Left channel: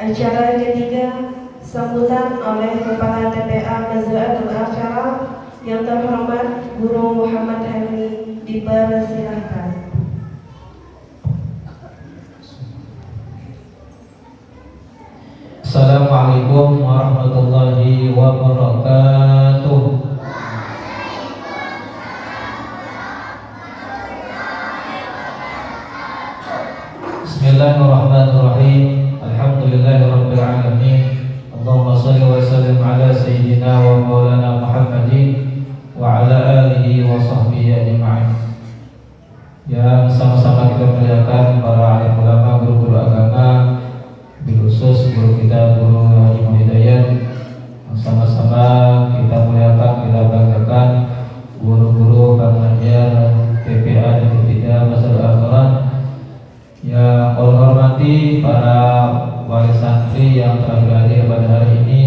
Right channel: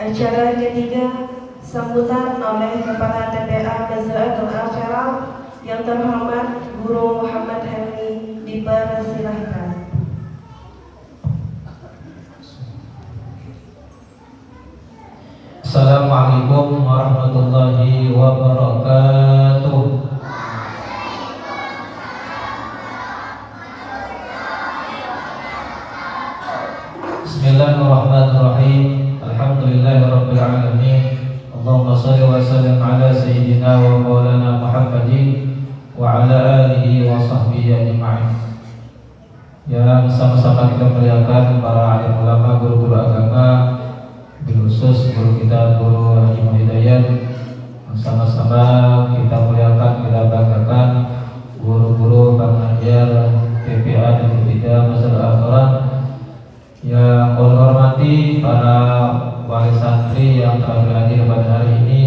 Acara ketiga, sambutan oleh Kepala TPA Nazaratul Asyara yang terhormat Guru Muhammad Helmi, dipersilahkan. Assalamualaikum warahmatullahi wabarakatuh. Bismillahirrahmanirrahim. Alhamdulillahirabbil alamin. Allahumma shalli wa sallim ala sayyidina wa maulana Muhammadin wa ala alihi wa sahbihi ajma'in. Yang sama-sama kita muliakan para alim ulama, guru-guru agama, khusus guru kita, Guru Haji Muhidayat. Sama-sama kita muliakan, kita banggakan guru-guru pengajar TPA dan TPA Masyarakat Al-Quran. Yang kami hormati para wali santri yang telah hadir pada hari ini,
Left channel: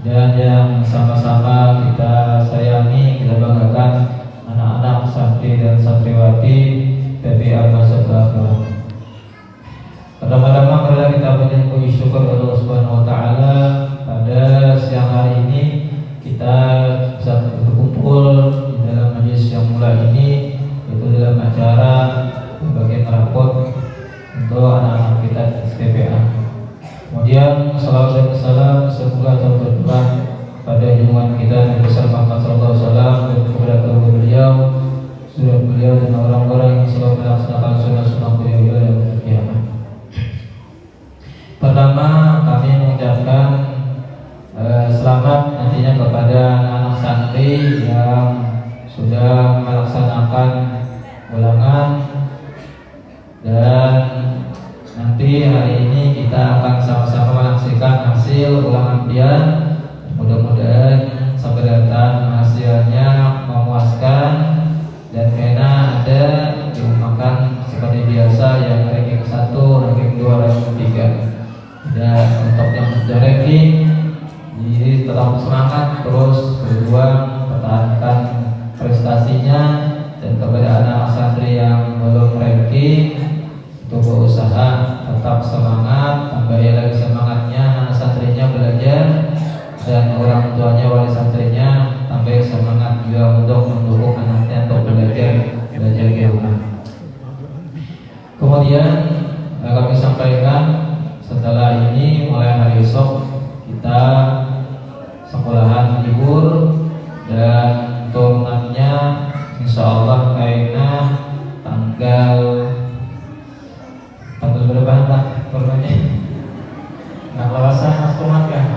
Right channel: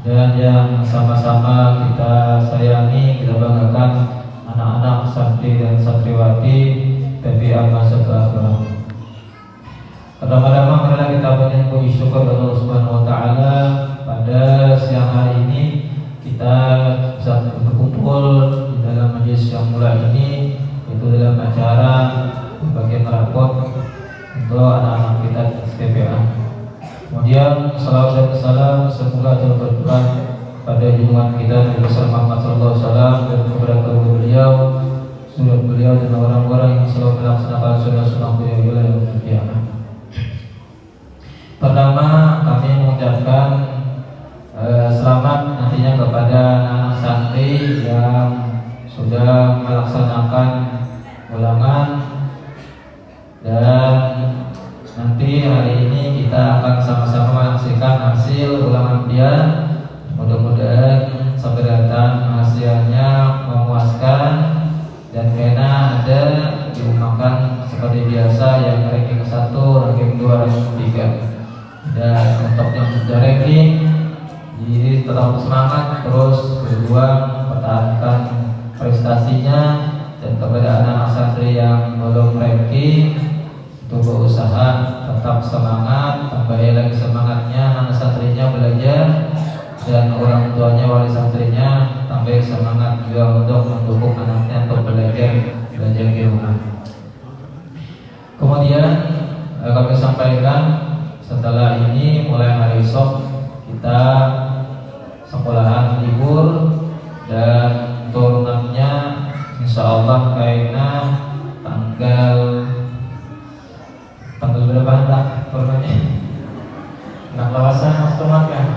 dan yang sama-sama kita sayangi, kita banggakan anak-anak santri dan santriwati TPA Masyarakat Al-Quran. Pertama-tama marilah kita bersyukur syukur kepada Allah Subhanahu wa taala pada siang hari ini kita bisa berkumpul di dalam majelis yang mulia ini, yaitu dalam acara bagian rapor untuk anak-anak kita TPA. Kemudian salawat dan salam semoga tercurah pada junjungan kita Nabi Muhammad SAW dan kepada keluarga beliau, suriat beliau dan orang-orang yang selalu melaksanakan sunnah-sunnah beliau yang kiamat. Pertama, kami mengucapkan selamat nantinya kepada anak santri yang sudah melaksanakan ulangan, dan nanti hari ini kita akan sama-sama menyaksikan hasil ulangan dia. Mudah-mudahan sampai datang hasilnya memuaskan, dan karena ada diumumkan seperti biasa yang ranking 1, ranking 2, ranking 3. Dan untuk yang sudah ranking, jadi tetap semangat terus berjuang pertahankan prestasinya, dan kepada anak santri yang belum ranking untuk berusaha tetap semangat, tambah lagi semangatnya anak santrinya belajar, dan orang tuanya wali santrinya tambah semangat juga untuk mendukung anaknya untuk belajar di rumah. Kemudian kami sampaikan, setelah ini mulai hari esok kita sekolahan libur, dan turunannya insya Allah kayaknya tanggal berapa tak turunannya? Nggak lawasan mas teman kan?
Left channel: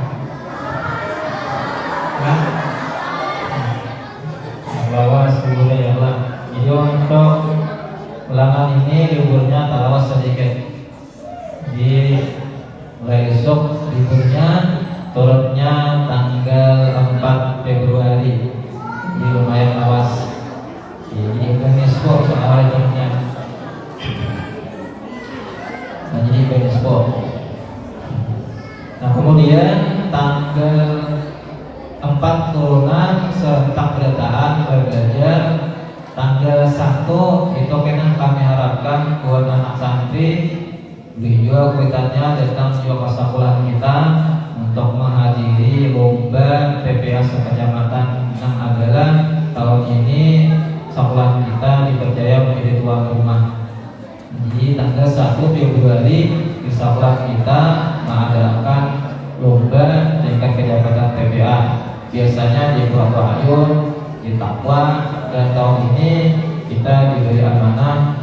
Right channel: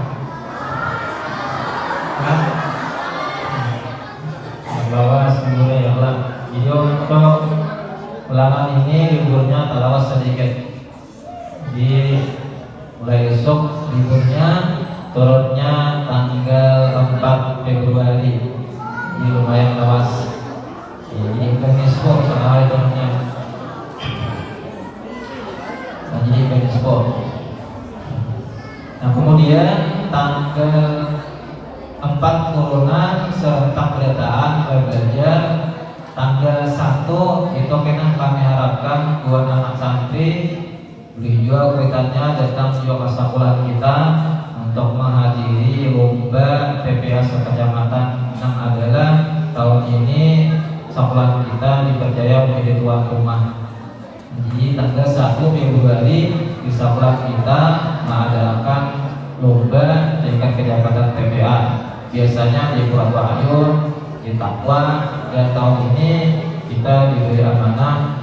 Lawas liburnya ya Allah. Jadi untuk ulangan ini liburnya talawas sedikit. Di mulai besok liburnya, turunnya tanggal 4 Februari. Jadi lumayan lawas. Jadi Benispo soal turunnya. Jadi Benispo. Nah kemudian tanggal 4 turunan serta pendataan belajar. Tanggal 1 itu kami harapkan buat anak santri beliau kaitannya datang juga ke sekolah kita untuk menghadiri lomba TPA sekecamatan, yang adalah tahun ini sekolah kita dipercaya menjadi tuan rumah. Jadi tanggal 1 Februari di sekolah kita mengadakan lomba tingkat kecamatan TPA. Biasanya di Purwokerto Ayun, di Takwa, dan tahun ini kita diberi amanah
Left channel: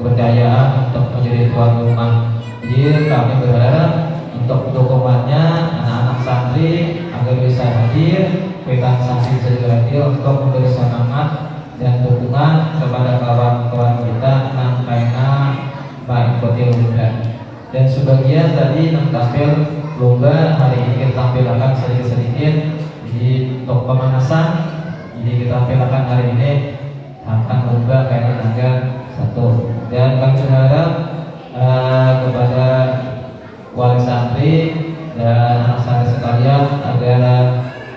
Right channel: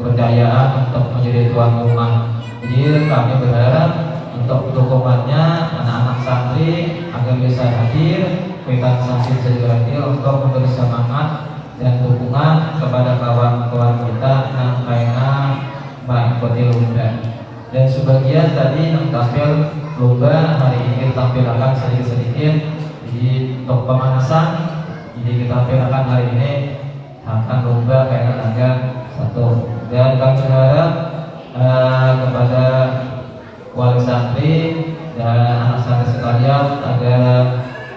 kepercayaan untuk menjadi tuan rumah. Jadi kami berharap untuk dukungannya anak-anak santri agar bisa hadir, kaitan santri segera hadir untuk memberi semangat dan dukungan kepada kawan-kawan kita yang lainnya mengikuti lomba. Dan sebagian tadi yang tampil lomba hari ini kita tampilkan sedikit-sedikit. Jadi untuk pemanasan, jadi kita tampilkan hari ini akan lomba kayak tanggal 1. Dan kami berharap kepada wali santri dan anak santri sekalian agar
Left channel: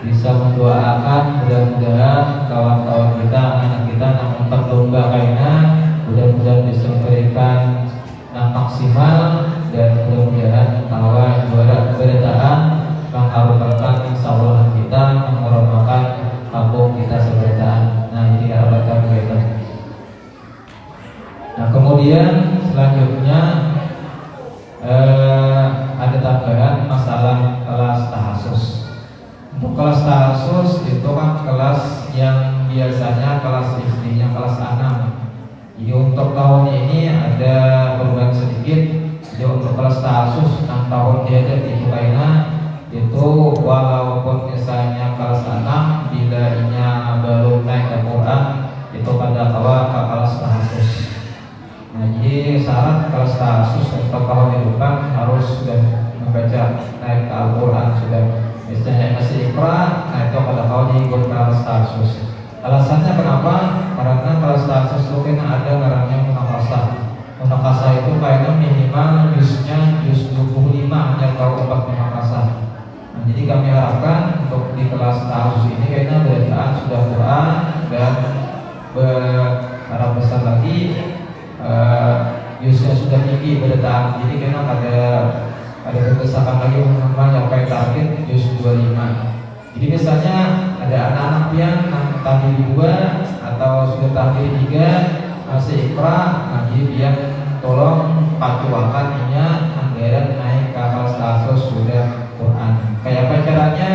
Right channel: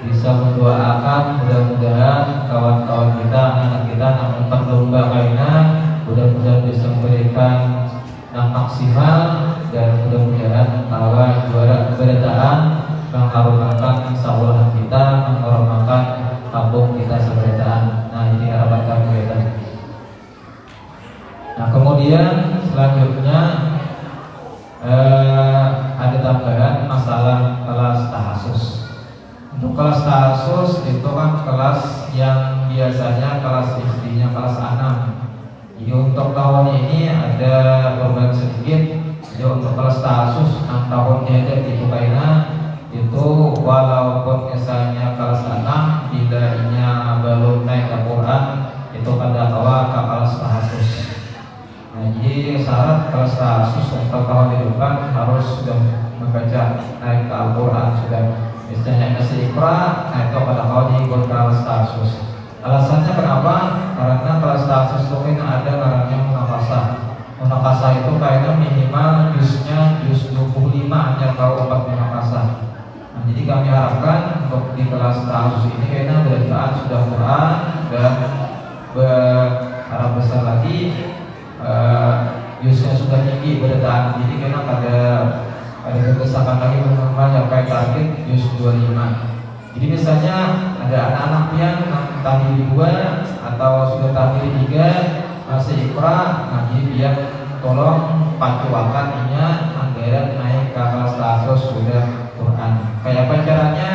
bisa mendoakan, mudah-mudahan kawan-kawan kita, anak kita yang menonton lomba kayaknya mudah-mudahan bisa memberikan yang maksimal, dan mudah-mudahan bahwa Kemudian selanjutnya ada tambahan masalah kelas tahasus. Untuk kelas tahasus itu kan kelas yang biasanya kelas istrinya kelas 6. Jadi untuk tahun ini ada perubahan sedikit. Jadi untuk kelas tahasus 6 tahun dia ada di Ukraina itu walaupun misalnya kelas 6 bila inya belum naik Al-Quran itu pada awal ke kelas tahasus. Nah, jadi syarat kelas tahasus untuk tahun depan harus sudah membaca naik ke Al-Quran sudah misalnya masih Iqra, nah itu pada tahun ikut kelas tahasus. Alasannya kenapa? Karena kelas tahasus itu ada namanya munakasah. Munakasah itu kayaknya minimal juznya juz 25 hanya kalau 4 munakasah. Nah, jadi kami harapkan untuk di kelas tahasus ini kayaknya bacaan sudah Quran dan berharap besar lagi juznya sudah tinggi bacaan. Jadi kayaknya ada kebesaran lagi mencapai target juz 25. Jadi misalnya ada anak-anak yang tadi 2 atau sudah tadi 3 masih Iqra, nah jadi dia tolong patuakan anggaran naik ke kelas tahasus sudah Quran. Kayak apa caranya?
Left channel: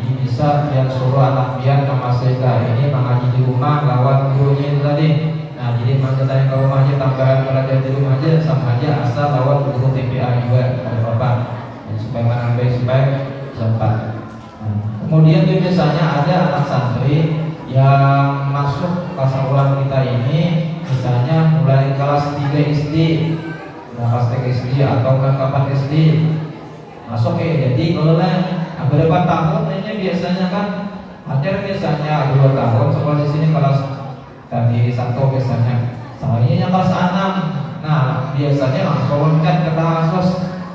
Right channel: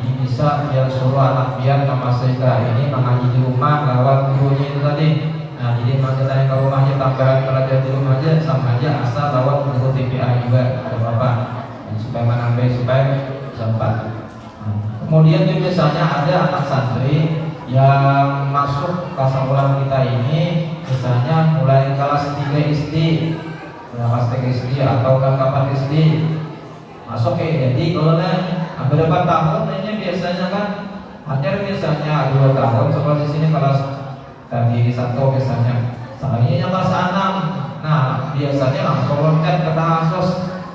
Ini bisa yang suruh anak biar yang masih ini mengaji di rumah lewat gurunya itu tadi. Nah jadi kita yang ke rumahnya tambahan belajar di rumah aja sama aja asal lewat guru TPA juga ada apa supaya menambah supaya sempat. Kemudian tuh misalnya ada anak santri yang masuk kelas Al-Quran kita ini misalnya mulai kelas 3 SD, kelas 3 SD atau kelas 4 SD masuk jadi kalau berapa tahun ini biasanya kan hanya misalnya 2 tahun sekolah di sini kelas tadi 1 misalnya, selanjutnya kelas 6. Nah biasanya langsung loncat ke tahasus.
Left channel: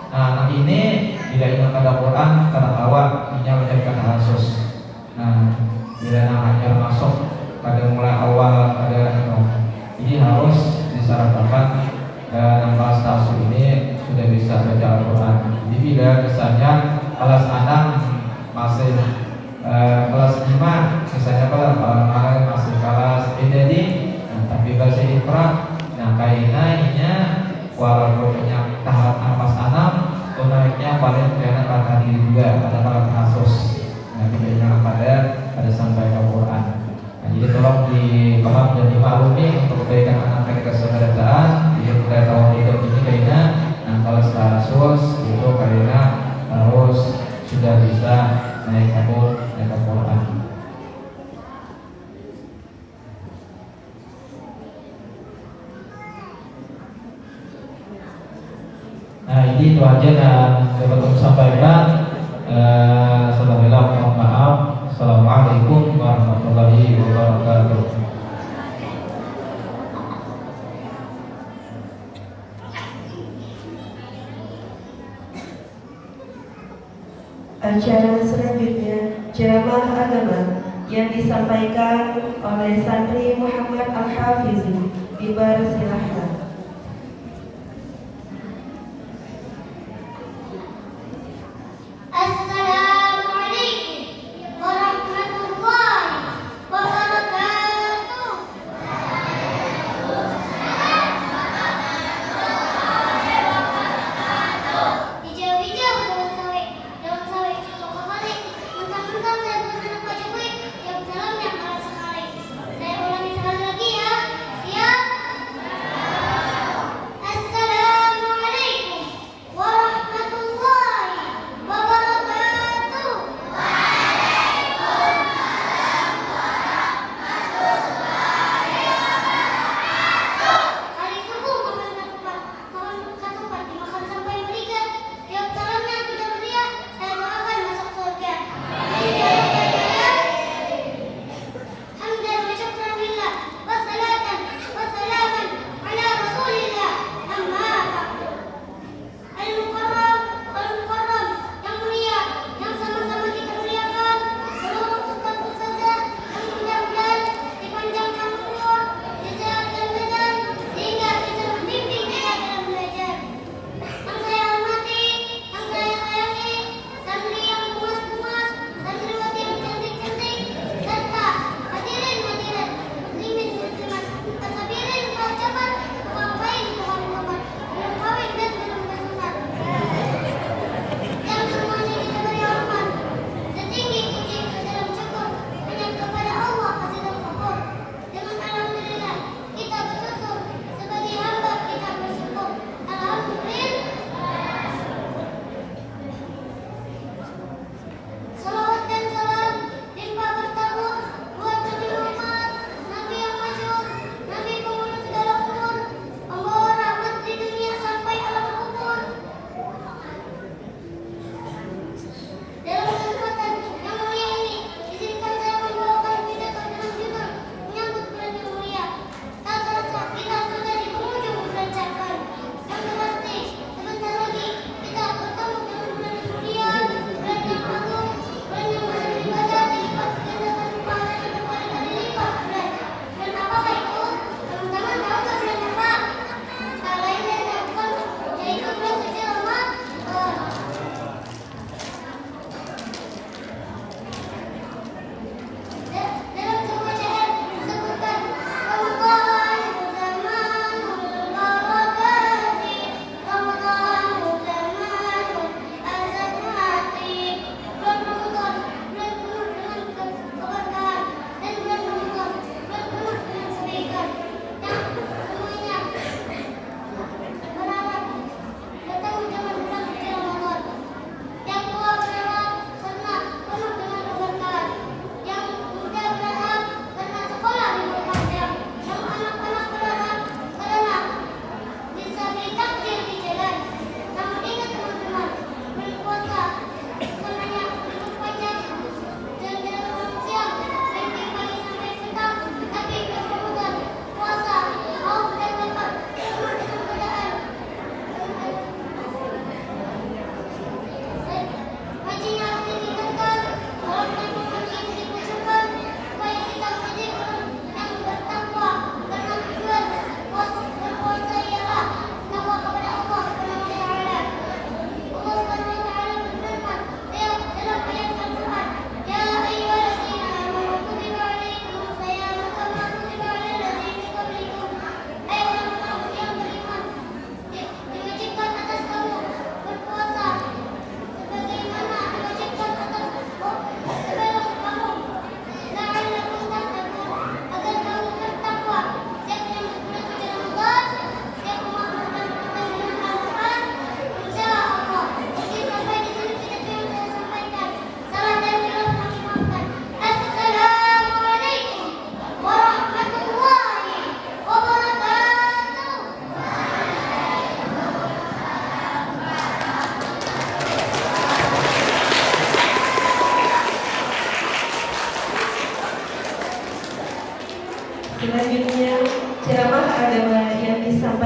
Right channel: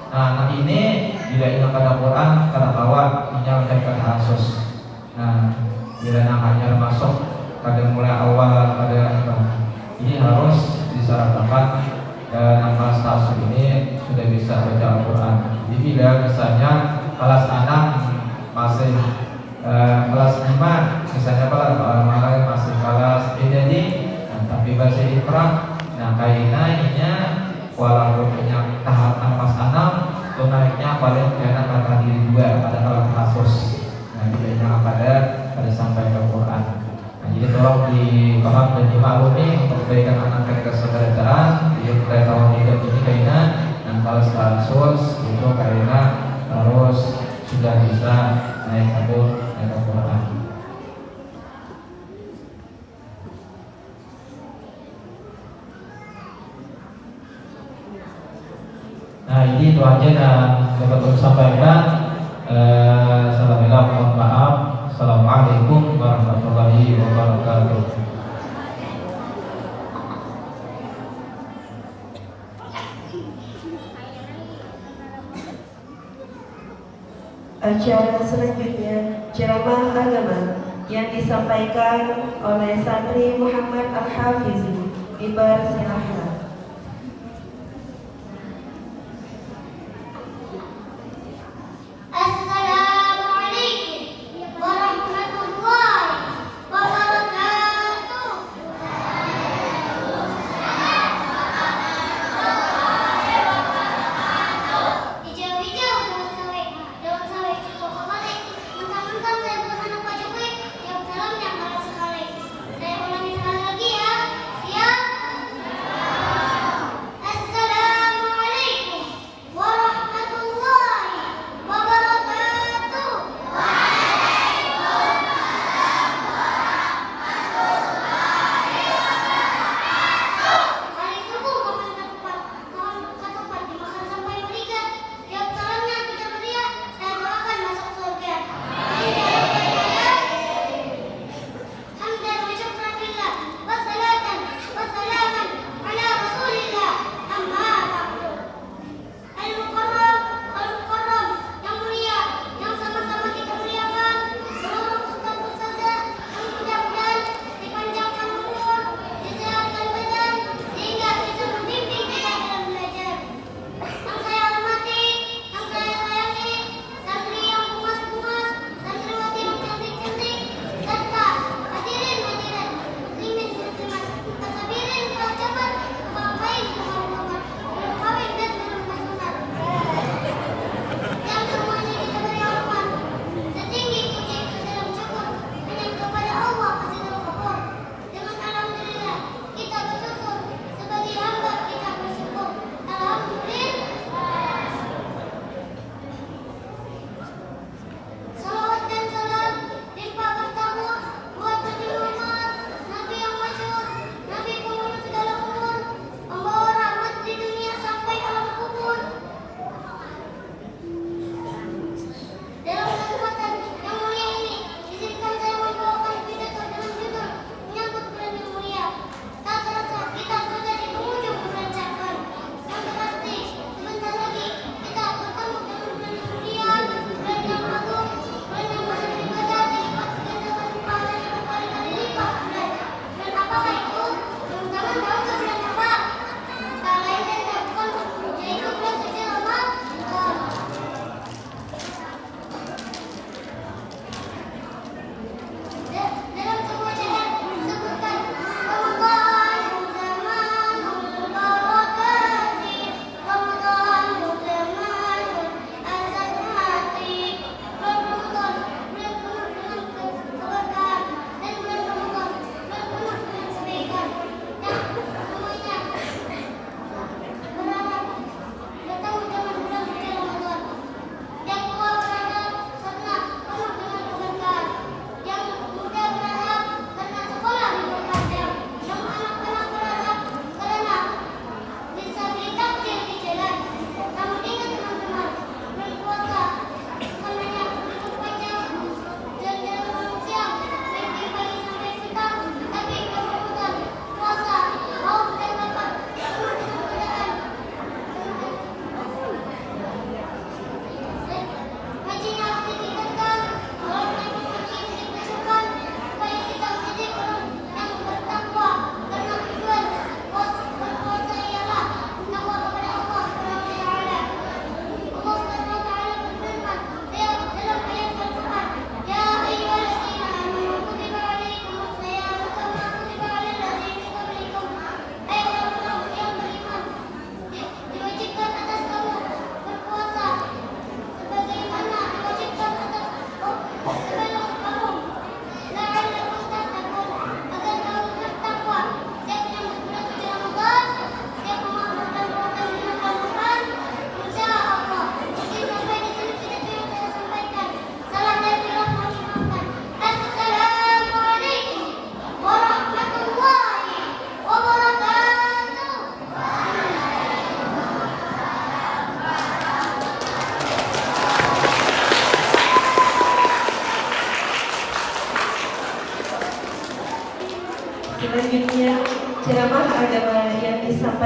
Nah ini bila ingat pada Quran karena awal ini menjadi tahasus. Nah bila namanya masuk pada mulai awal ada ini harus disyaratkan dan kelas tahasus ini sudah bisa baca Al-Quran. Jadi bila misalnya kelas 6 masih kelas 5 misalnya malah masih kelas jadi tapi bahasa Iqra, nah kainanya walaupun yang tahap kelas 6 itu naiknya paling karena kata diri juga pada kelas kasus. Nah bedanya pada sampai ke Quran. Nah jadi tolong dipaham dan dimaklumi untuk kebaikan anak kita kesedaraan. Jadi kita tahun hidup ini karena nah kalau kasus itu karena harus sudah bisa naik ke Quran. Nah ini itu aja yang dapat saya sampaikan. Mohon maaf. Assalamualaikum warahmatullahi wabarakatuh. Acara selanjutnya ceramah agama yang disampaikan oleh Santri Muhammad Al-Hafizi. Dipersilahkan. Saya ulangi sekali lagi ya. Siap?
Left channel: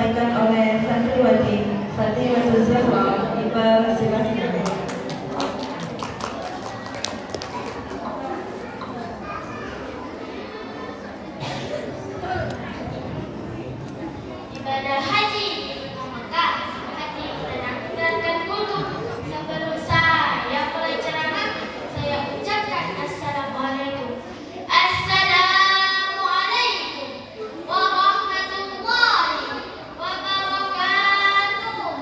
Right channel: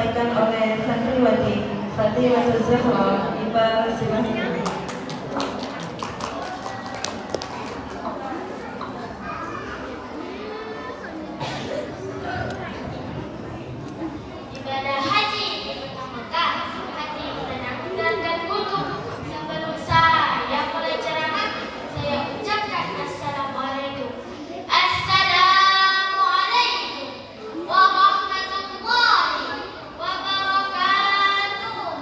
disampaikan oleh santriwati Zahra. Dipersilakan. Ibadah haji Mekah, hati tenang dan kutub. Sebelum saya mulai ceramah, saya ucapkan assalamualaikum. Assalamualaikum warahmatullahi wabarakatuh.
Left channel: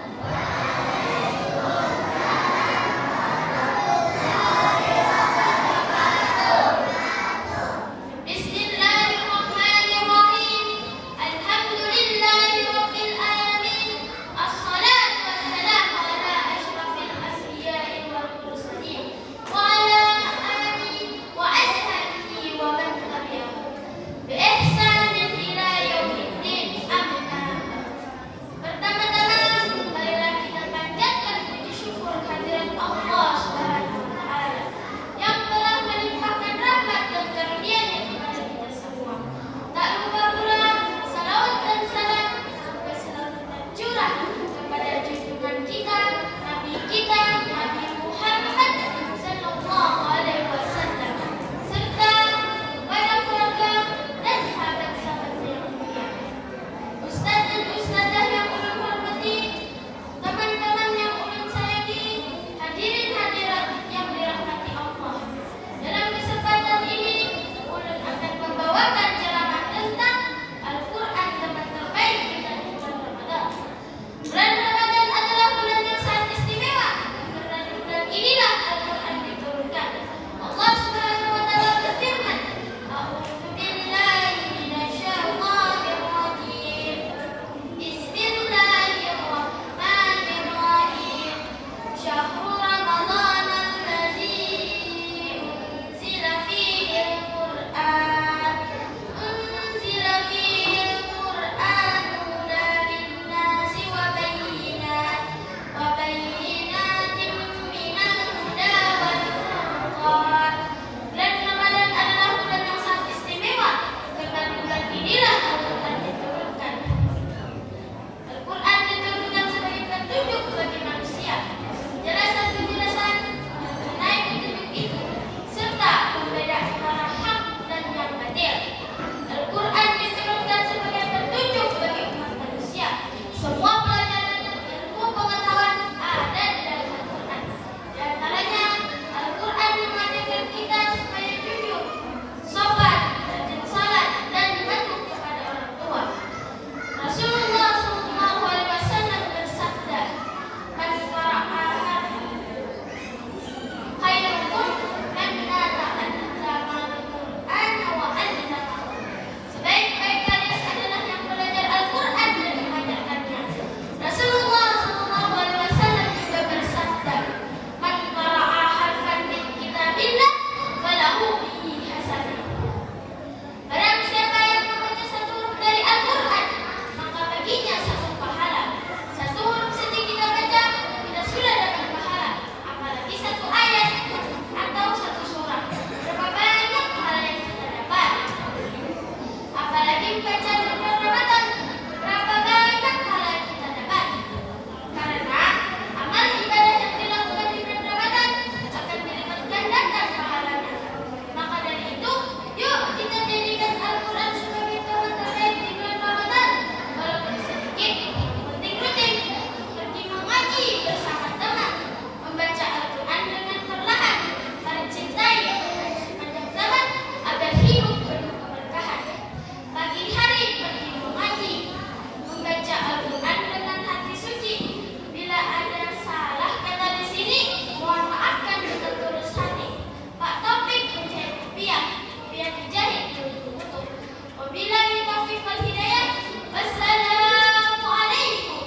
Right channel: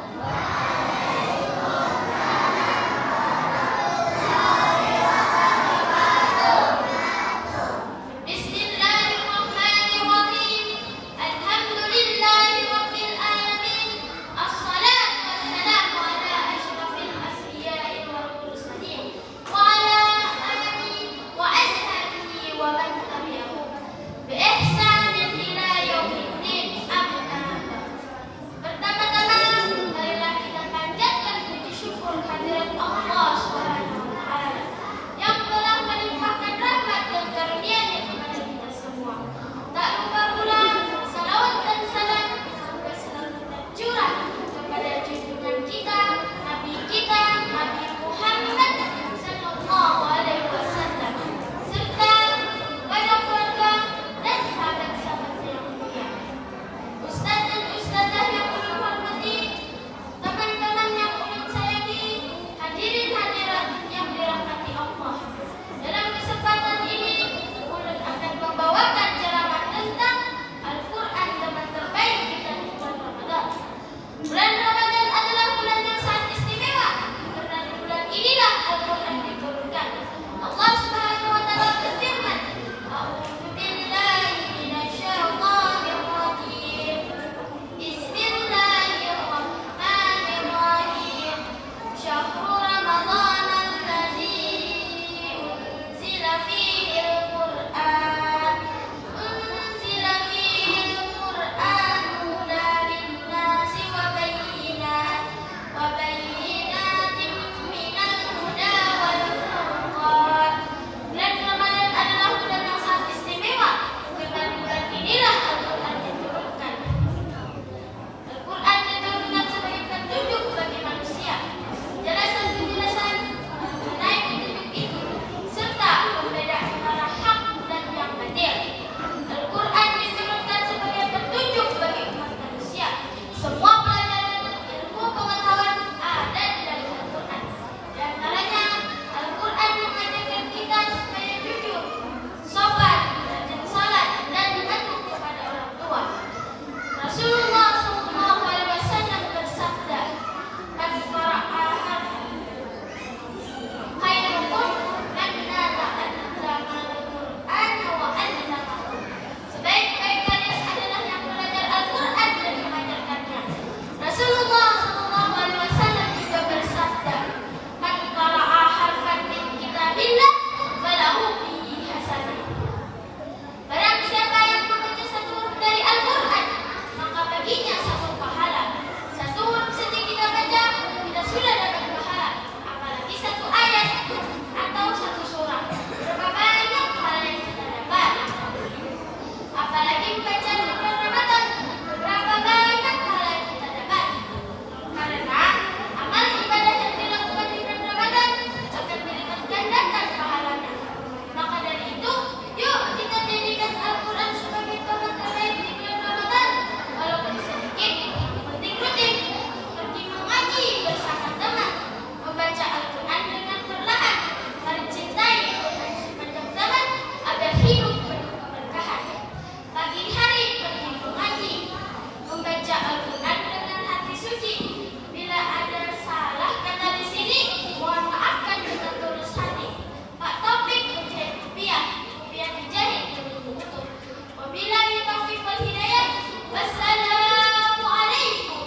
Bismillahirrahmanirrahim. Alhamdulillahi rabbil alamin. Assalatu wassalamu ala asyrafil anbiya'i wal mursalin wa ala alihi wa ashabihi wa man tabi'ahum bi ihsanin ila yaumiddin. Amma ba'd. Pertama-tama, marilah kita panjatkan puji syukur kehadirat Allah Subhanahu wa taala yang telah melimpahkan rahmat dan karunia-Nya kepada kita semua. Tak lupa pula salawat dan salam sampai selalu tercurah kepada junjungan kita, Nabi kita, Nabi Muhammad sallallahu alaihi wasallam, serta kepada keluarga dan sahabat-sahabatnya yang mulia. Ustaz dan ustazah yang ulun hormati, teman-teman yang ulun sayangi, hadirin hadirat yang dirahmati Allah. Dalam kesempatan ini, ulun akan membawakan ceramah tentang Al-Quran, teman terbaik kita di bulan Ramadan. Bulan Ramadan adalah bulan yang sangat istimewa, karena di bulan inilah Al-Quran diturunkan. Allah Subhanahu wa taala berfirman, A'udzu billahi minasyaitonir rajim. Bismillahirrahmanirrahim. Syahrul Ramadan allazi unzila fihi al-Qur'an. Unzila fihi al-Qur'an hudan lin-nasi wa bayyinatin minal huda wal furqan. Bulan Ramadan adalah bulan yang sangat istimewa, karena di bulan inilah Al-Quran diturunkan. Al-Quran diturunkan sebagai petunjuk bagi manusia, penjelasan mengenai petunjuk itu, serta pembeda antara hak dan yang batil. Al-Quran diturunkan sebagai petunjuk bagi umat manusia. Semua pelajaran ilmu pengetahuan ada di dalam Al-Quran. Di antaranya, Al-Quran mengajarkan kita supaya jujur, sopan, rajin salat, dan patuh kepada orang tua. Rasulullah sallallahu alaihi wasallam bersabda, "Man qara'a khairukum man ta'allama al-Qur'an wa 'allamahu." Sebaik-baik kalian adalah yang belajar Al-Quran dan mengajarkannya. Rasulullah sallallahu alaihi wasallam juga bersabda, "Man qara'a harfan min kitabillah falahu bihi hasanah." Barang siapa yang membaca satu huruf dari Al-Quran, maka baginya satu pahala. Satu huruf saja kita baca, kita sudah dapat pahala. Apalagi satu ayat atau satu surah. Berapa banyak pahala yang kita dapat. Apalagi membaca di bulan Ramadan, berapa banyak pahala yang kita dapat. Karena amal ibadah yang dilakukan di bulan Ramadan akan dilipat gandakan pahalanya. Maka dari itu, yuk kita jadikan Al-Quran sebagai teman terbaik di bulan Ramadan. Walaupun sedikit, penting rutin. Pergi mengaji bersama teman, membaca Al-Quran dengan perlahan, mencintai Al-Quran sepanjang zaman agar hidup penuh keberkahan. Pagi hari pergi mengaji, membaca Al-Quran dengan hati suci. Bila ada salah kata di sini, mohon maafkan dengan tulus hati. Pak Taufik menjahit rupiah dijahit berutuh-utuh. Wabillahi taufiq wal hidayah. Wassalamualaikum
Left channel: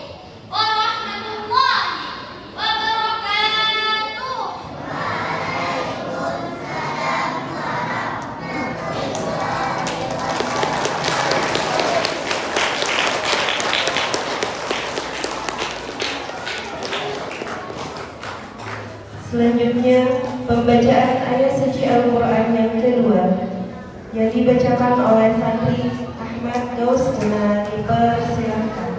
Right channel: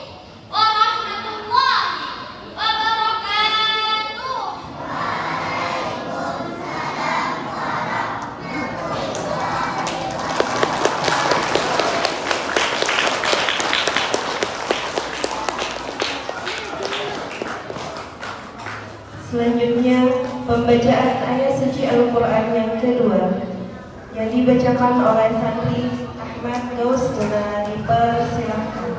warahmatullahi wabarakatuh. Selanjutnya, pembacaan ayat suci Al-Quran yang kedua yang dibacakan oleh santri Ahmad Gaus Muna. Dipersilakan.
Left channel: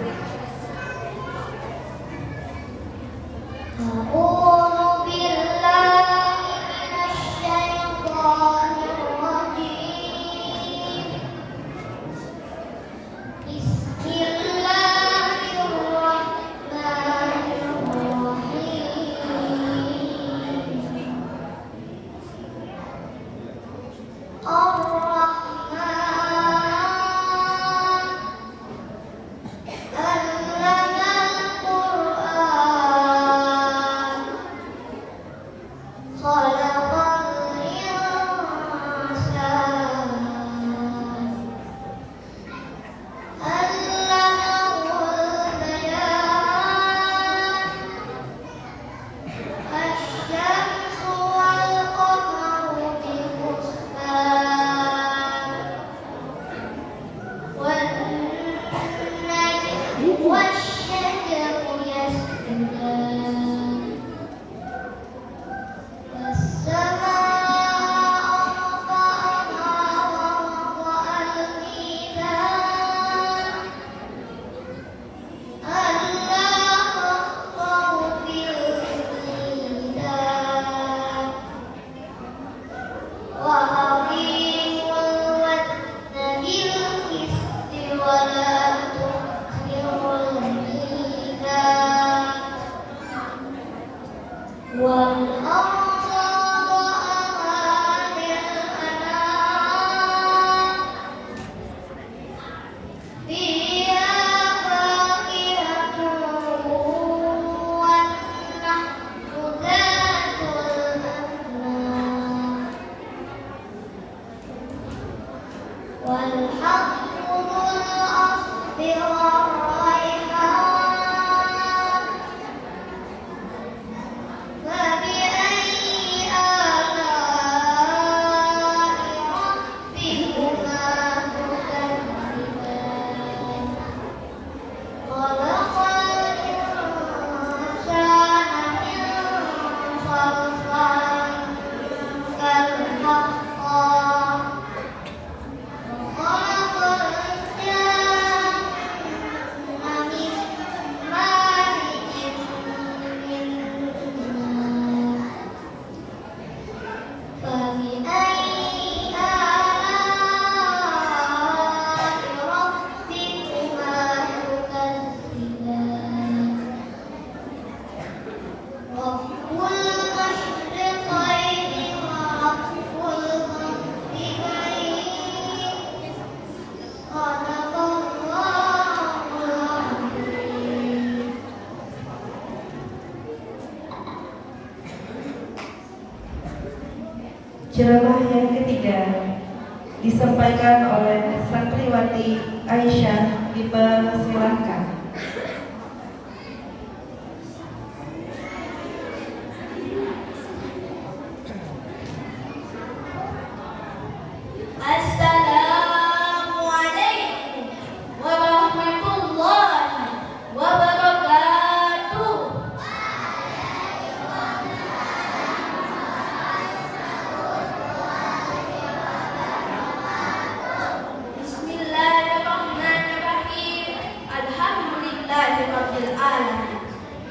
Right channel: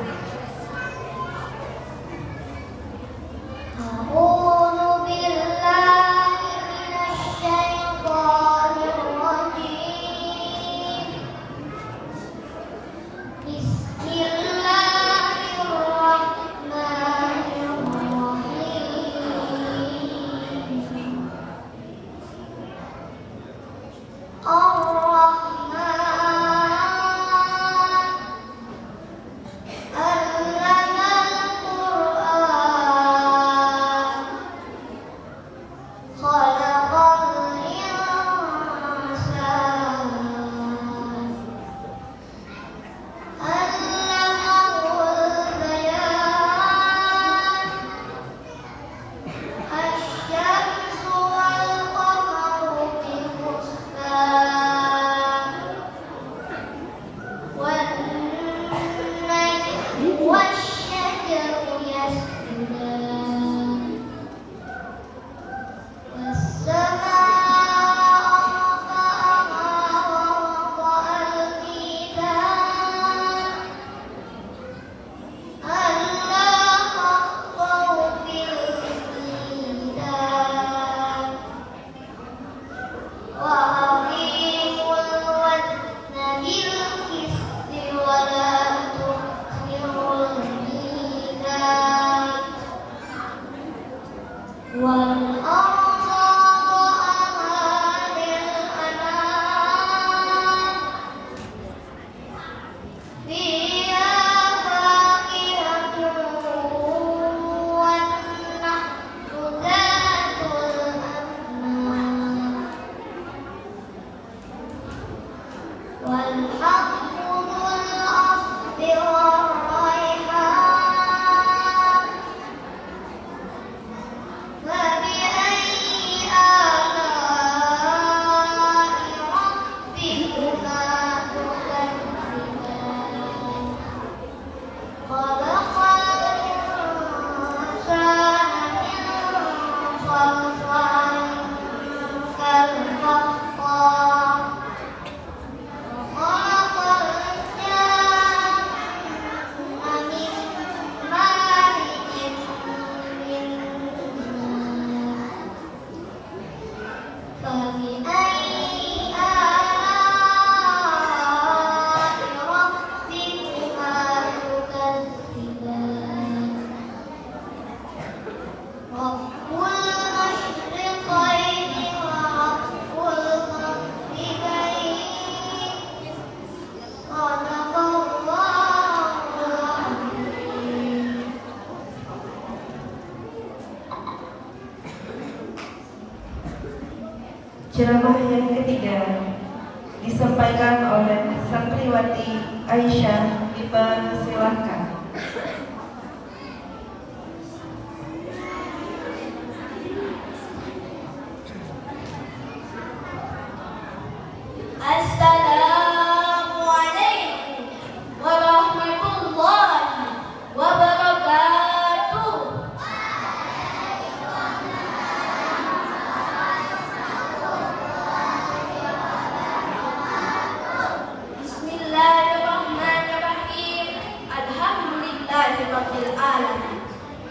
والأرض وضعها للأنام فيها فاكهة والنخل ذات الأكمام والحب ذو العصف والريحان فبأي آلاء ربكما تكذبان خلق الإنسان من صلصال كالفخار وخلق الجن من مارج من نار فبأي آلاء ربكما تكذبان رب المشرقين ورب المغربين صدق الله العظيم. Ceramah yang ketiga disampaikan oleh santriwati Aisyah. Dipersilahkan. Assalamualaikum warahmatullahi wabarakatuh. Bismillahirrahmanirrahim. Alhamdulillahirabbil alamin.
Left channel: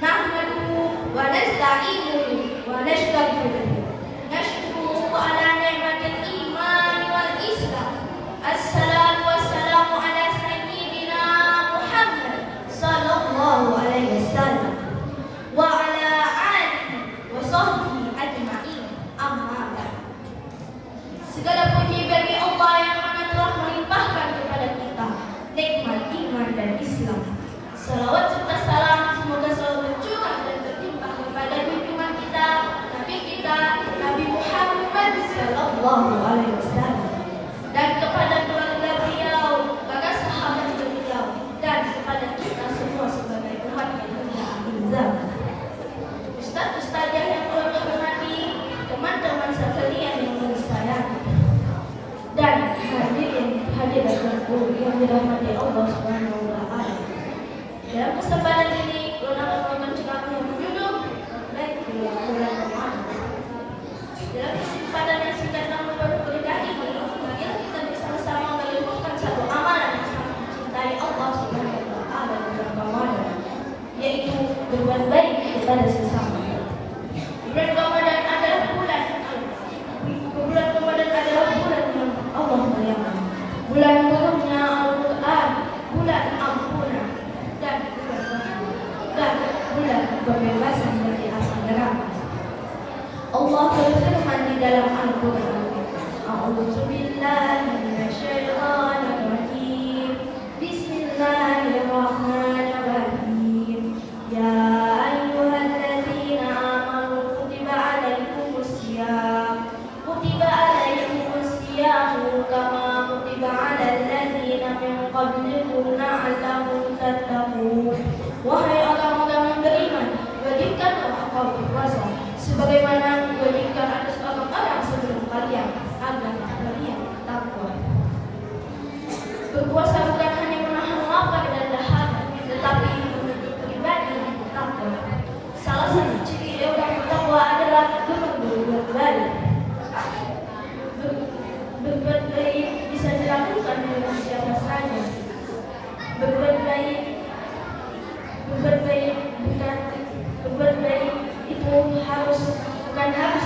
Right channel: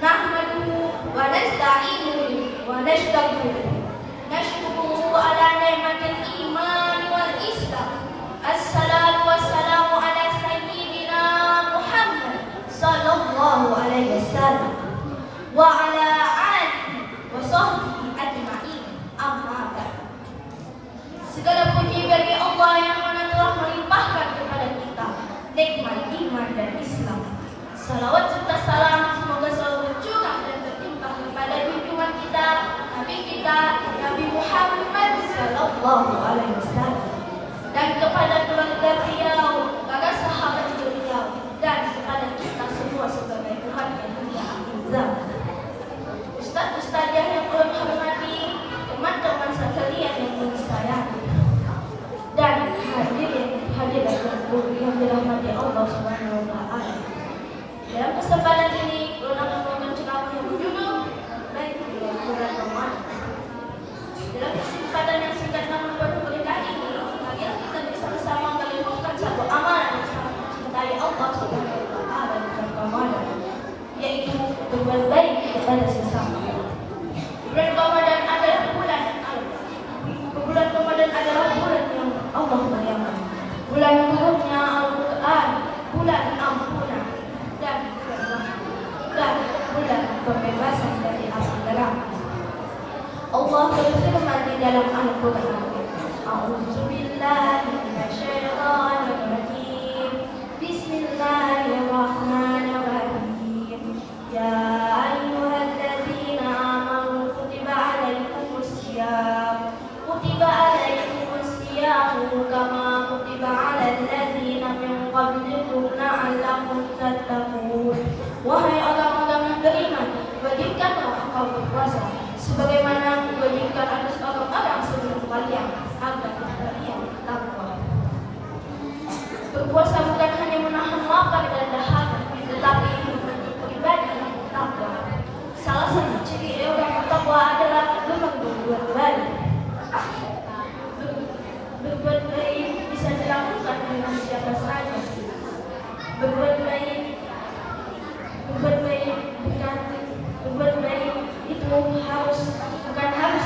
Nahmaduhu wa nasta'inuhu wa nastaghfiruh. Nashkuruhu ala ni'matil iman wal islam. Assalatu wassalamu ala sayyidina Muhammad sallallahu alaihi wasallam wa ala alihi wa sahbihi ajma'in. Amma ba'd. Segala puji bagi Allah yang mana telah melimpahkan kepada kita nikmat iman dan Islam. Salawat serta salam semoga selalu tercurah dan tertimpah kepada junjungan kita, Nabi kita, Nabi Muhammad sallallahu alaihi wasallam, dan kepada keluarga beliau, para sahabat beliau, dan kepada kita semua sebagai umat yang mulia akhir zaman. Ustaz-ustazah yang kami hormati, teman-teman sekalian yang kami sayangi, dan hadirin yang dirahmati Allah Subhanahu wa taala. Dalam kesempatan ini, ulama membawakan ceramah yang berjudul Baik Bulan Ramadan. Dalam kesempatan yang singkat namun berberkah ini, marilah kita bersama-sama melakukan satu amalan yang sangat mencintai Allah Subhanahu wa taala di bulan Ramadan, yaitu berbuat baik kepada sesama. Bulan Ramadan adalah bulan yang Allah muliakan, bulan turunnya Al-Quran, bulan ampunan dan bulan pembebasan dari api neraka. Allah berfirman di dalam Al-Quran, A'udzubillahi minasyaitonir rajim. Bismillahirrahmanirrahim. Ya ayyuhalladzina amanu kutiba alaikumusiyam kama kutiba alal ladzina min qablikum la'allakum tattaqun. Wahai orang-orang yang beriman, wajibkanlah engkau berpuasa sebagaimana diwajibkan atas orang-orang sebelum kalian agar kalian takwa. Berpuasa bukan hanya menahan lapar dan dahaga, tetapi membentuk pribadi yang takwa. Salah satu ciri orang takwa adalah gemar berbuat baik. Berbuat baik bisa dilakukan dengan siapa saja. Berbuat baik itu bukan harus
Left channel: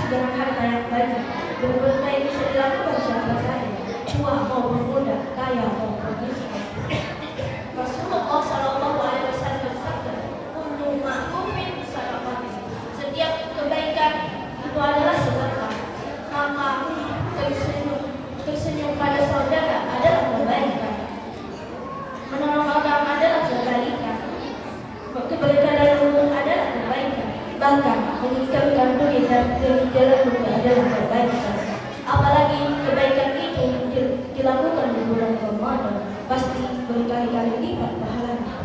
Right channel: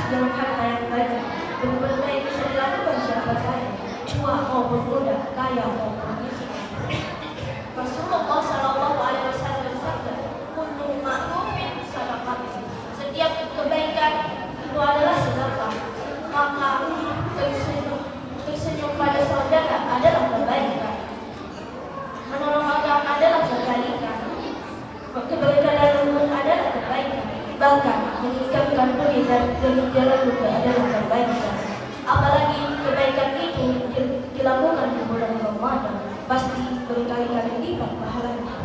dengan harta yang banyak. Berbuat baik bisa dilakukan siapa saja, tua maupun muda, kaya maupun miskin. Rasulullah Shallallahu Alaihi Wasallam bersabda, "Kullu ma'rufin sadaqah." Setiap kebaikan Silakan meningkatkan pengingat demi jalan adalah kebaikan. Apalagi kebaikan itu dilakukan di bulan Ramadan, pasti berkali-kali lipat pahalanya.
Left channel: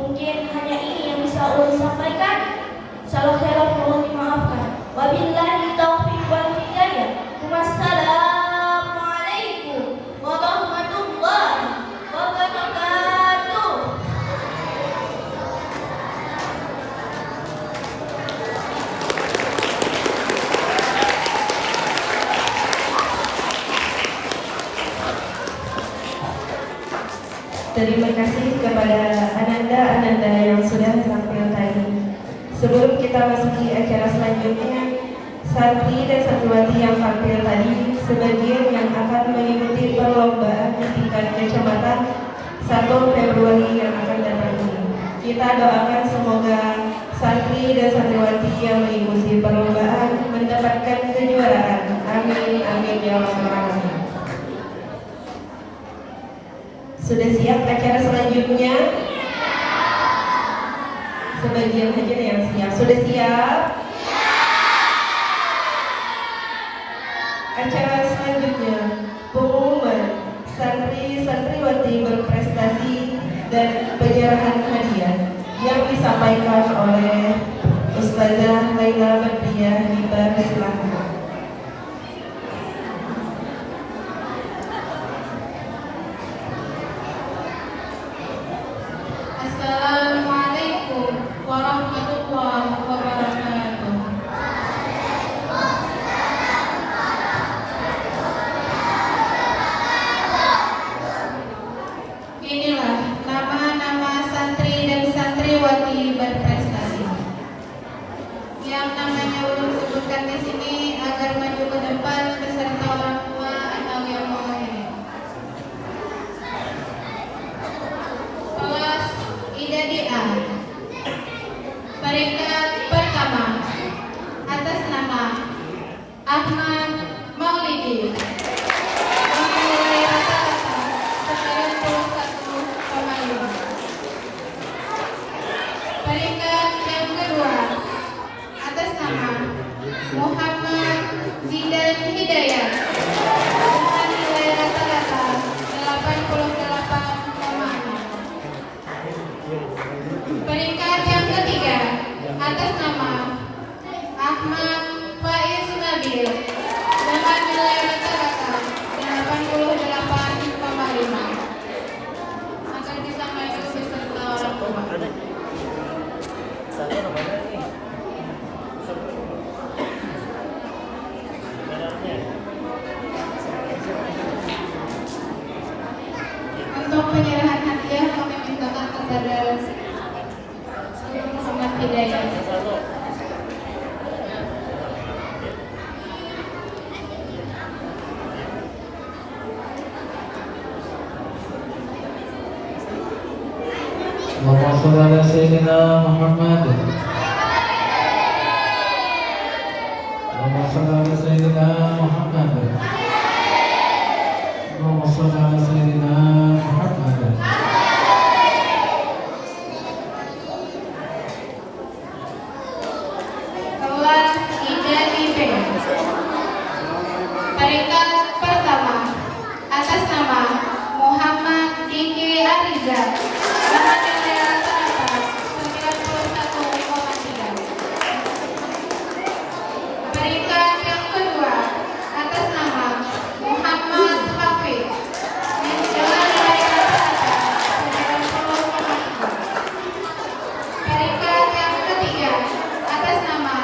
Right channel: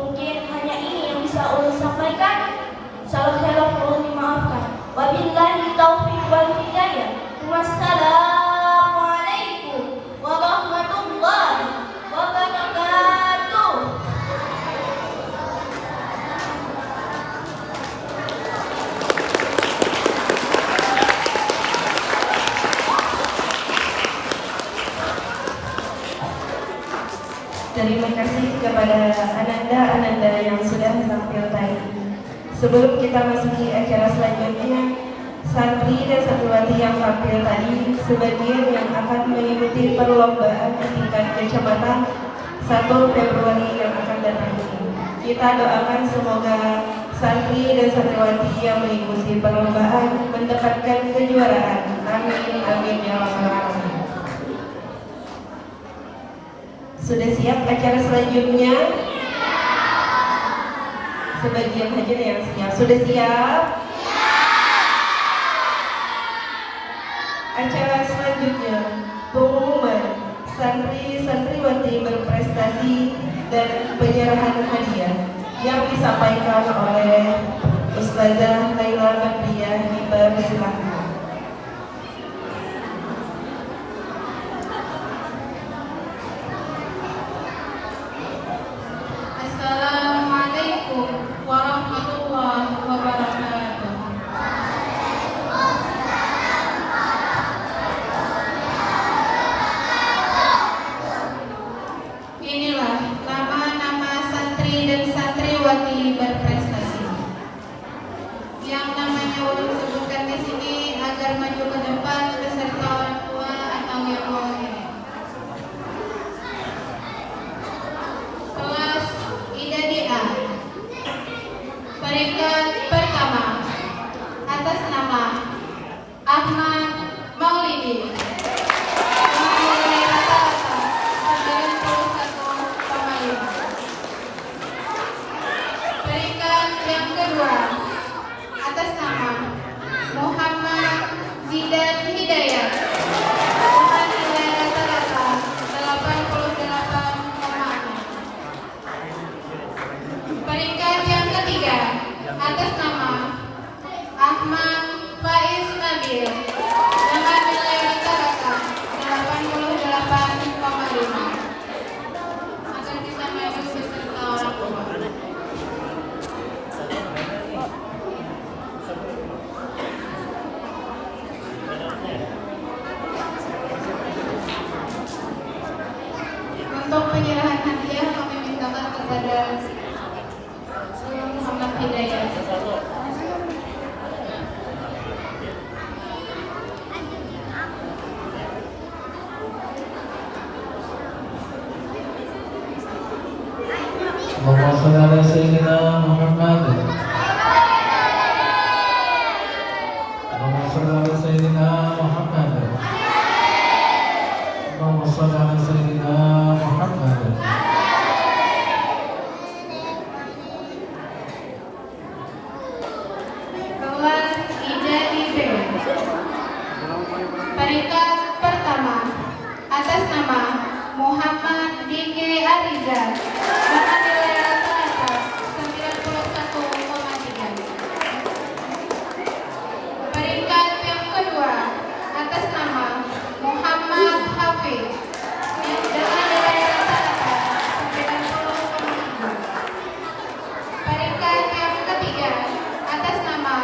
Mungkin hanya ini yang bisa ulun sampaikan. Salah salah mohon dimaafkan. Wabillahi taufiq wal hidayah. Wassalamualaikum warahmatullahi wabarakatuh. Terima kasih kepada ananda-ananda yang sudah tampil tadi. Sebelum kita masuki acara selanjutnya, santri dan santriwati yang tampil tadi sebagian yang akan mengikuti perlombaan di tingkat kecamatan 1 Februari yang akan datang ini. Kita doakan semoga santri dan santriwati yang mengikuti perlombaan mendapatkan kejuaraan. Amin, amin ya rabbal alamin. Sudah siap acara selanjutnya? Sebagian saja yang siap. Sudah siap? Acara selanjutnya pengumuman santri-santriwati berprestasi dan penyerahan hadiah yang disampaikan oleh Ustazah Laila Badriah Hibah. Silakan. Assalamualaikum warahmatullahi wabarakatuh. Inilah nama-nama santri dan santriwati berprestasi yang namanya ulun sebutkan di sini agar maju ke depan beserta orang tua atau yang mewakili. Kelas IDADI A. Peringkat pertama atas nama Ahmad Maulidi dengan nilai rata-rata 91,5. Peringkat yang kedua atas nama Muhammad Zidan Hidayat dengan nilai rata-rata 88,6. Peringkat yang ketiga atas nama Ahmad Faiz Nabil dengan nilai rata-rata 88,5. Akan kita maju beserta orang tua. Untuk penyerahan hadiah kami mintakan kepada Muhammad Hidayat. Allahumma shalli ala sayyidina Muhammad. Allahumma shalli ala sayyidina Muhammad. Allahumma shalli ala sayyidina Muhammad. Kelas IDADI B. Peringkat pertama atas nama Muhammad Diki Ariza dengan nilai rata-rata 91,3. Peringkat yang kedua atas nama Muhammad Hafiz dengan nilai rata-rata 90,3. Peringkat yang ketiga atas nama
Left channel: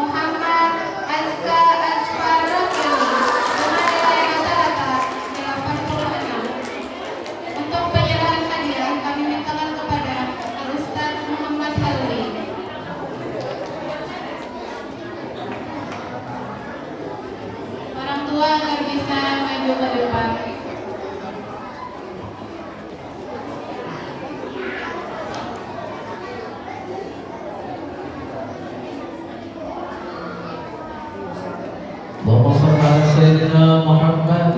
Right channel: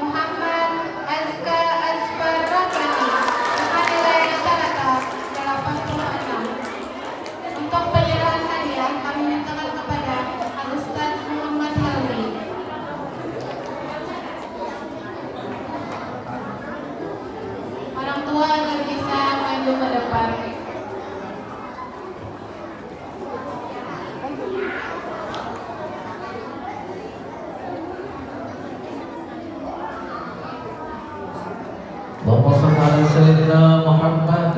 Muhammad Azka Azfar Rabbani dengan nilai rata-rata 86. Untuk penyerahan hadiah kami mintakan kepada Al-Ustaz Muhammad Halmi. Orang tua agar bisa maju ke depan. Allahumma shalli ala sayyidina Muhammad.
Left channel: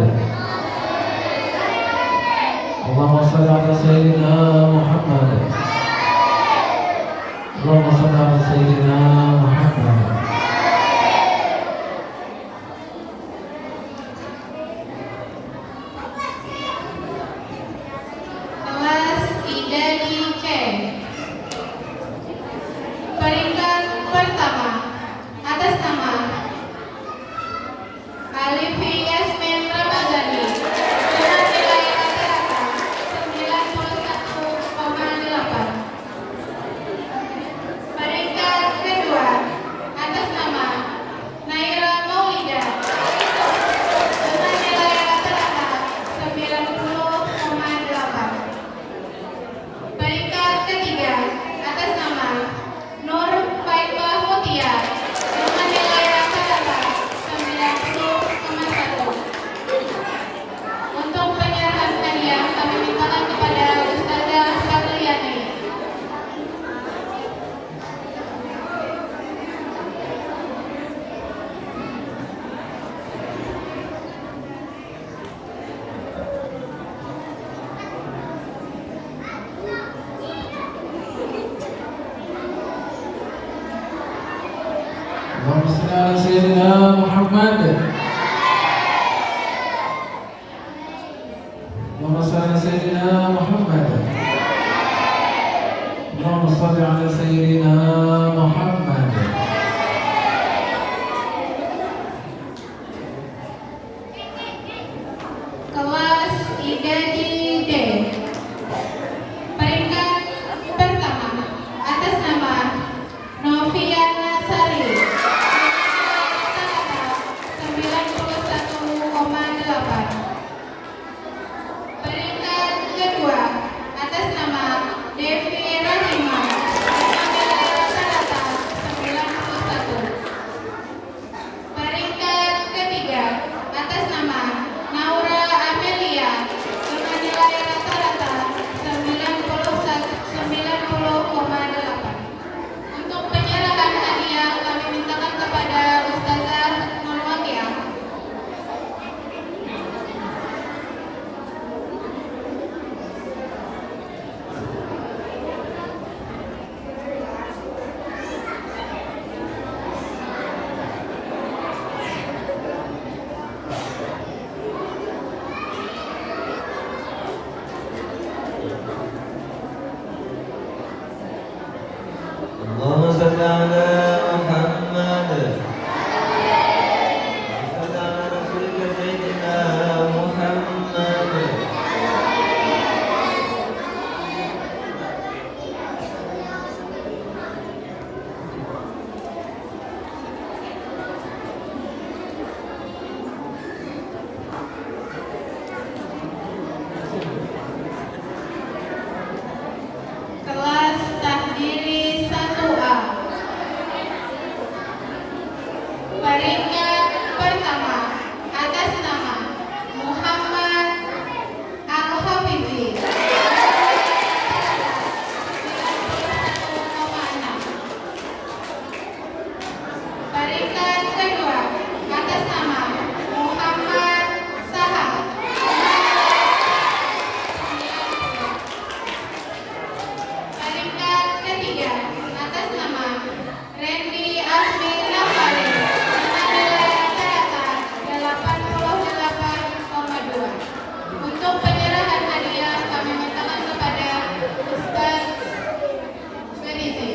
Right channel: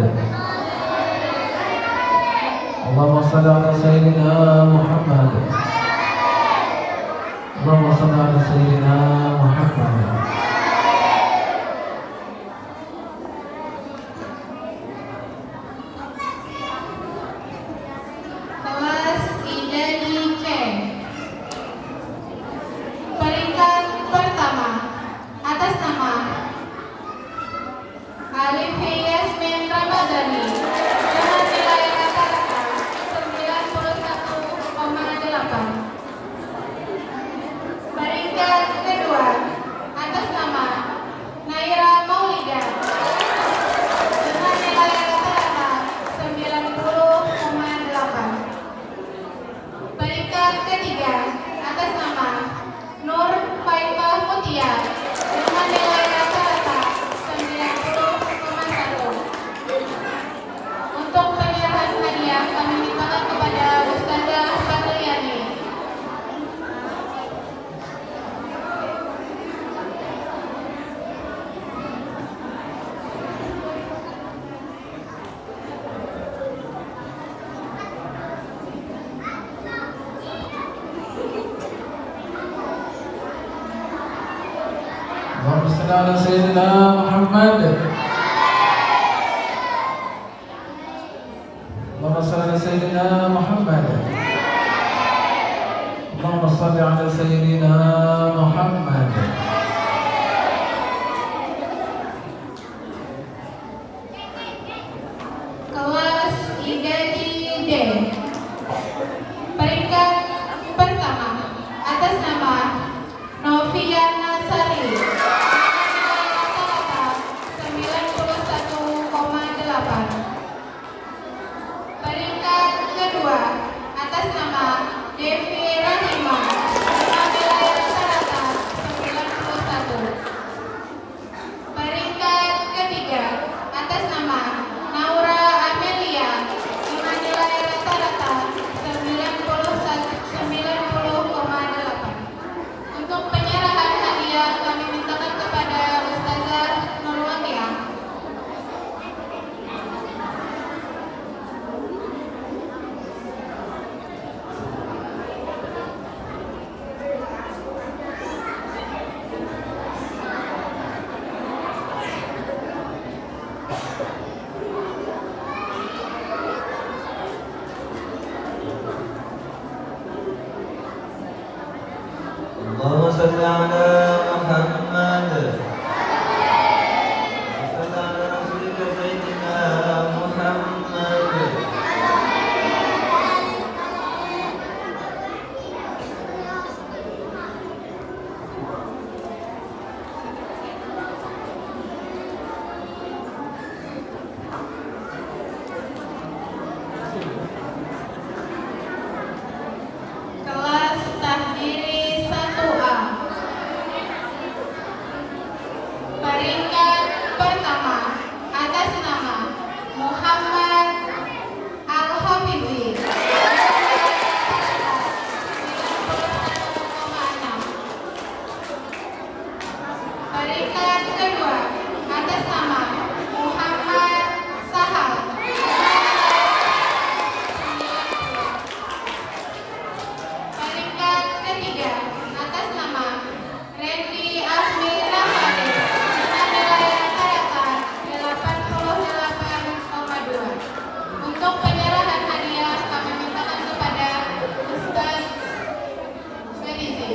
Allahumma shalli ala sayyidina Muhammad. Allahumma shalli ala sayyidina Muhammad. اللهم صل على سيدنا محمد. اللهم صل على سيدنا محمد. اللهم صل على سيدنا محمد. Kelas IDADI D. Peringkat pertama atas nama Novia Nasari. 91,8. Peringkat kedua atas nama Devi Rahima. Nilai rata-rata 91. Peringkat ketiga atas nama Naura Amelia dengan nilai rata-rata 90,8. Untuk penyerahan hadiah kami mintakan kepada Ustazah Nurwatia. اللهم صل على محمد. صل على رسولك سيدنا محمد. Kelas Takdiri 1A. Peringkat pertama atas nama Muhammad Al-Hafizi. 91,6. Peringkat kedua atas nama Muhammad Sahal. Peringkat ketiga atas nama Randy Asmi Rafani dengan nilai rata-rata 88,2. Untuk penyerahan hadiah kami mintakan kepada Ustaz Berizi.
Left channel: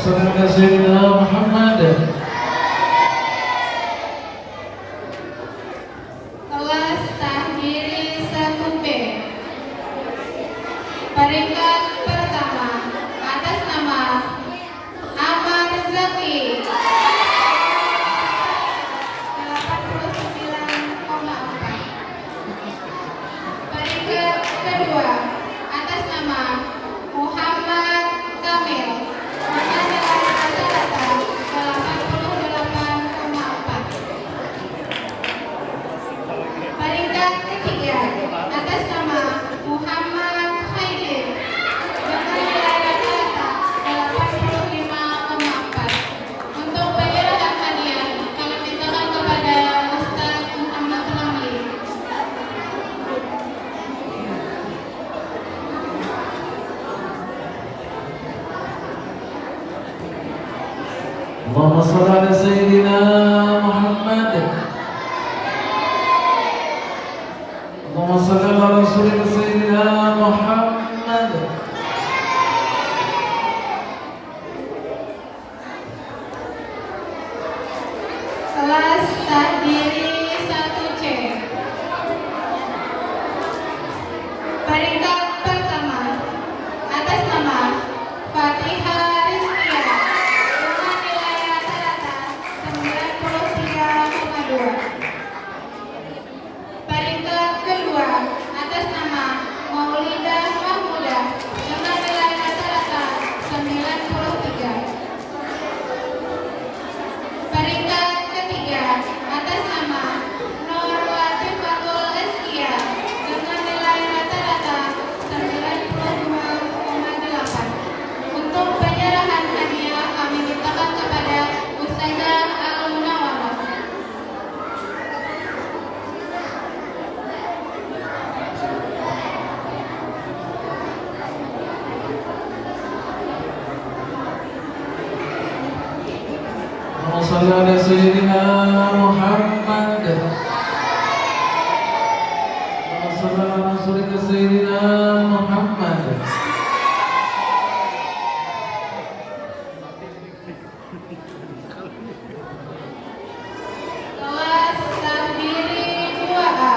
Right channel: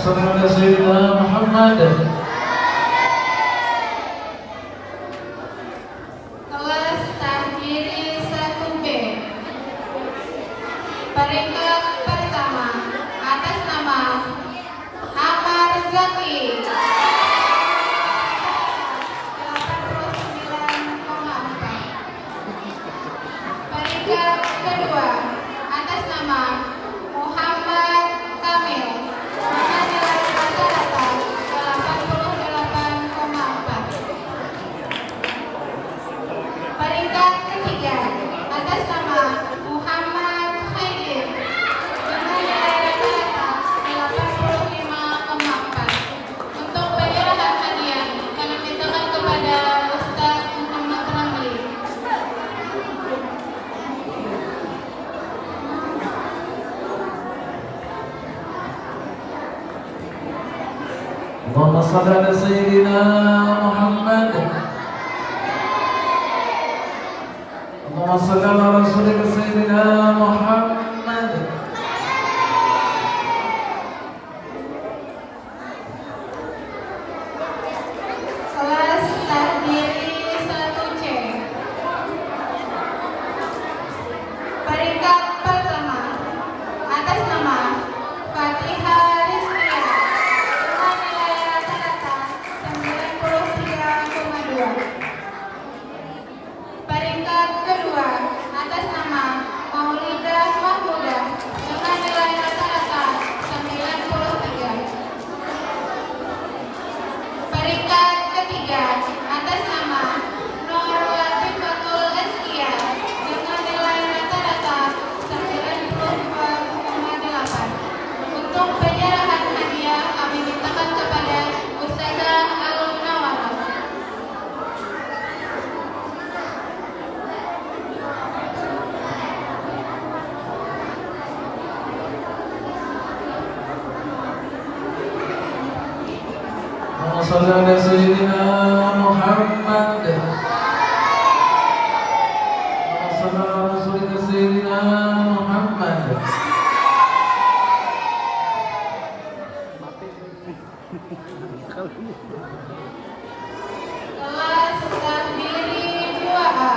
صل على سيدنا محمد. Kelas Takdiri 1B. Peringkat pertama atas nama Amar Zaki. 89,4. Peringkat kedua atas nama Muhammad Kamil dengan nilai rata-rata 88,4. Peringkat ketiga atas nama Muhammad Haidir dengan nilai rata-rata 85,4. Untuk penyerahan hadiah kami mintakan kepada Ustaz Muhammad Ramli. اللهم صل على سيدنا محمد. اللهم صل على رسولك سيدنا محمد. Kelas Takdiri 1C. Peringkat pertama atas nama Fatihah Rizkia dengan nilai rata-rata 93,2. Peringkat kedua atas nama Allahumma salli ala Sayyidina Muhammad. Allahumma salli ala Rasulika Sayyidina Muhammad. Kelas takdiri 2A.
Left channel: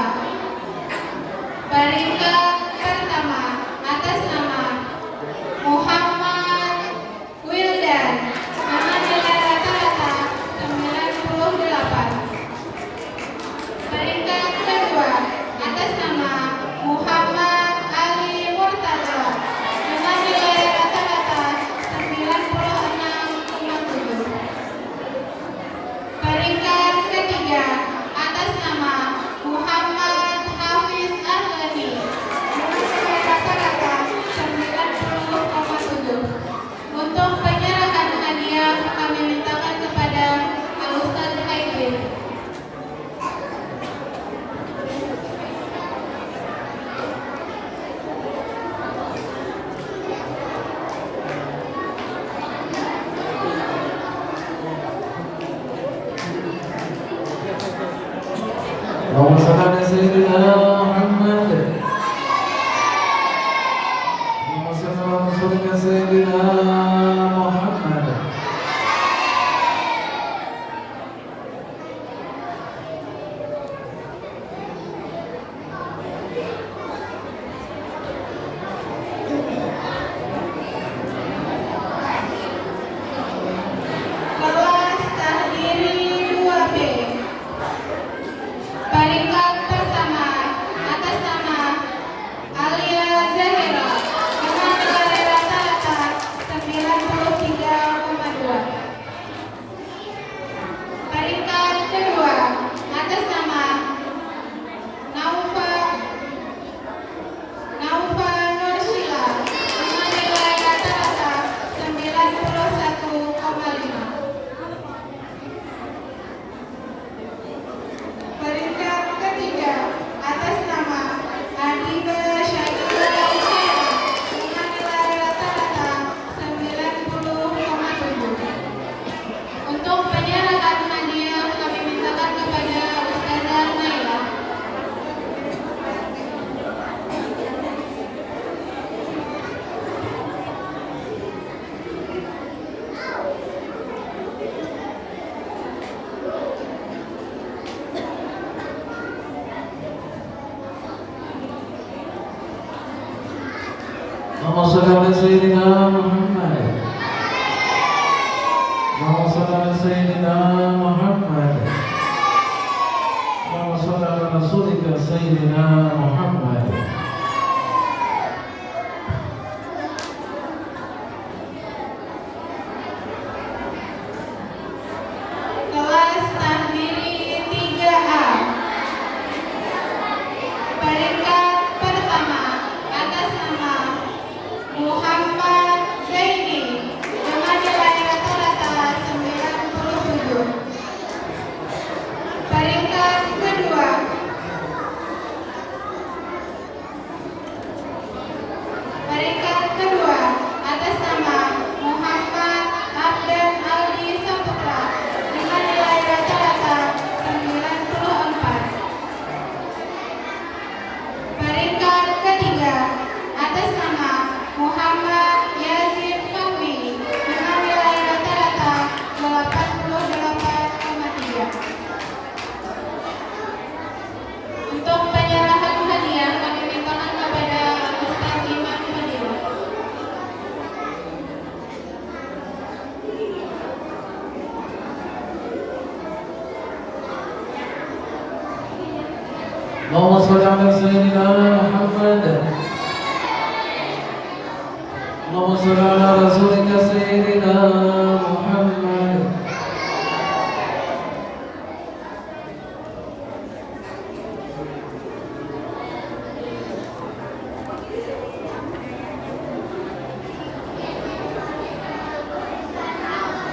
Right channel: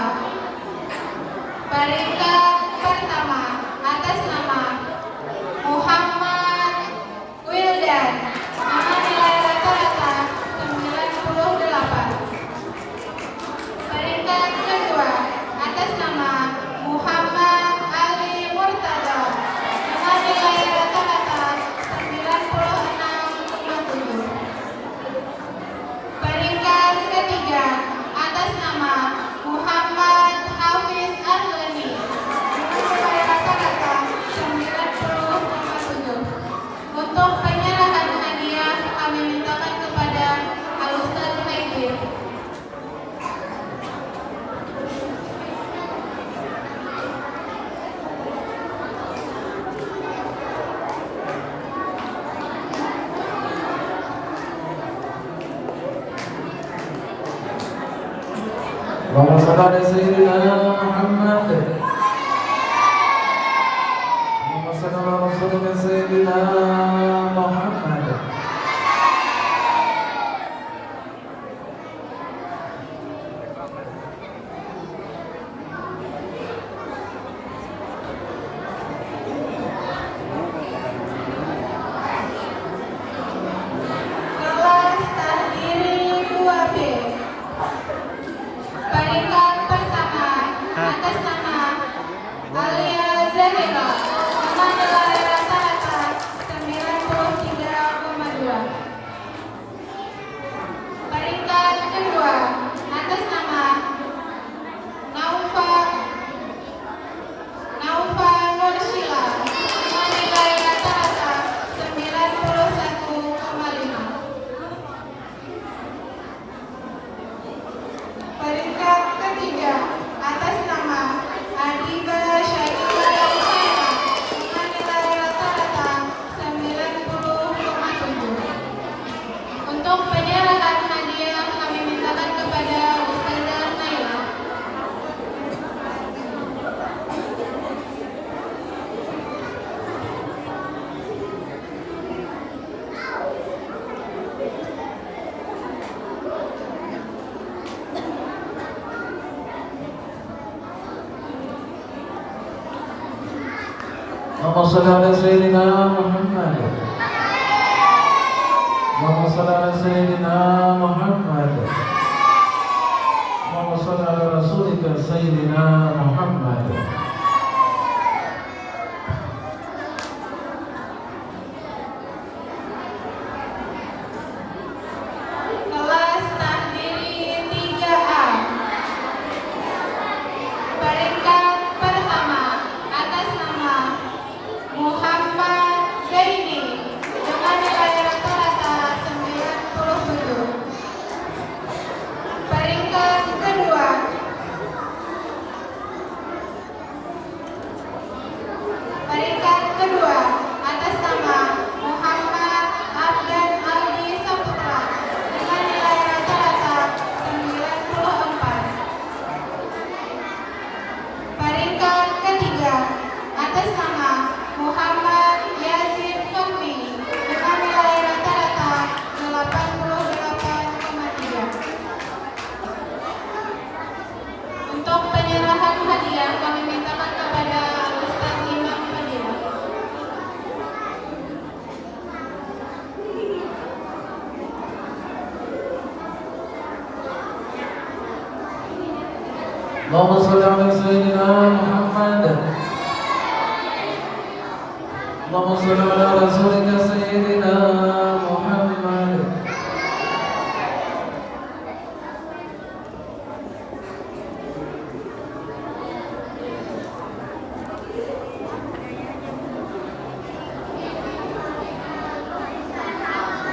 Peringkat pertama atas nama Muhammad Wildan dengan nilai rata-rata 98. Peringkat kedua atas nama Muhammad Ali Murtada dengan nilai rata-rata 96,7. Peringkat ketiga atas nama Muhammad Hafiz Ahlani dengan nilai rata-rata 90,7. Untuk penyerahan hadiah kami mintakan kepada Al-Ustaz Haidin. Allahumma salli ala Sayyidina Muhammad. Allahumma salli ala Rasulika Sayyidina Muhammad. Kelas takdiri 2B. Peringkat pertama atas nama Alia Zahira dengan nilai rata-rata 93,2. Peringkat kedua atas nama Naufa Nursila dengan nilai rata-rata 91,5. Peringkat ketiga atas nama Adiba Syakira Syara dengan nilai rata-rata 90,7. Untuk penyerahan hadiah kami mintakan kepada Ustazah Naila. Allahumma salli ala Sayyidina Muhammad. Allahumma salli ala Sayyidina Muhammad. Allahumma salli ala Rasulika Sayyidina Muhammad. Kelas takdiri 3A. Peringkat pertama atas nama Muhammad Zaini dengan nilai rata-rata 97. Peringkat kedua atas nama Muhammad Abdan Aldi Saputra dengan nilai rata-rata 94. Peringkat ketiga atas nama Muhammad Yazid Fahmi dengan nilai rata-rata 88,3. Untuk penyerahan hadiah kami mintakan kepada Ustaz Imam Fadilah. Allahumma salli ala Sayyidina Muhammad. Allahumma salli ala Rasulika Sayyidina Muhammad.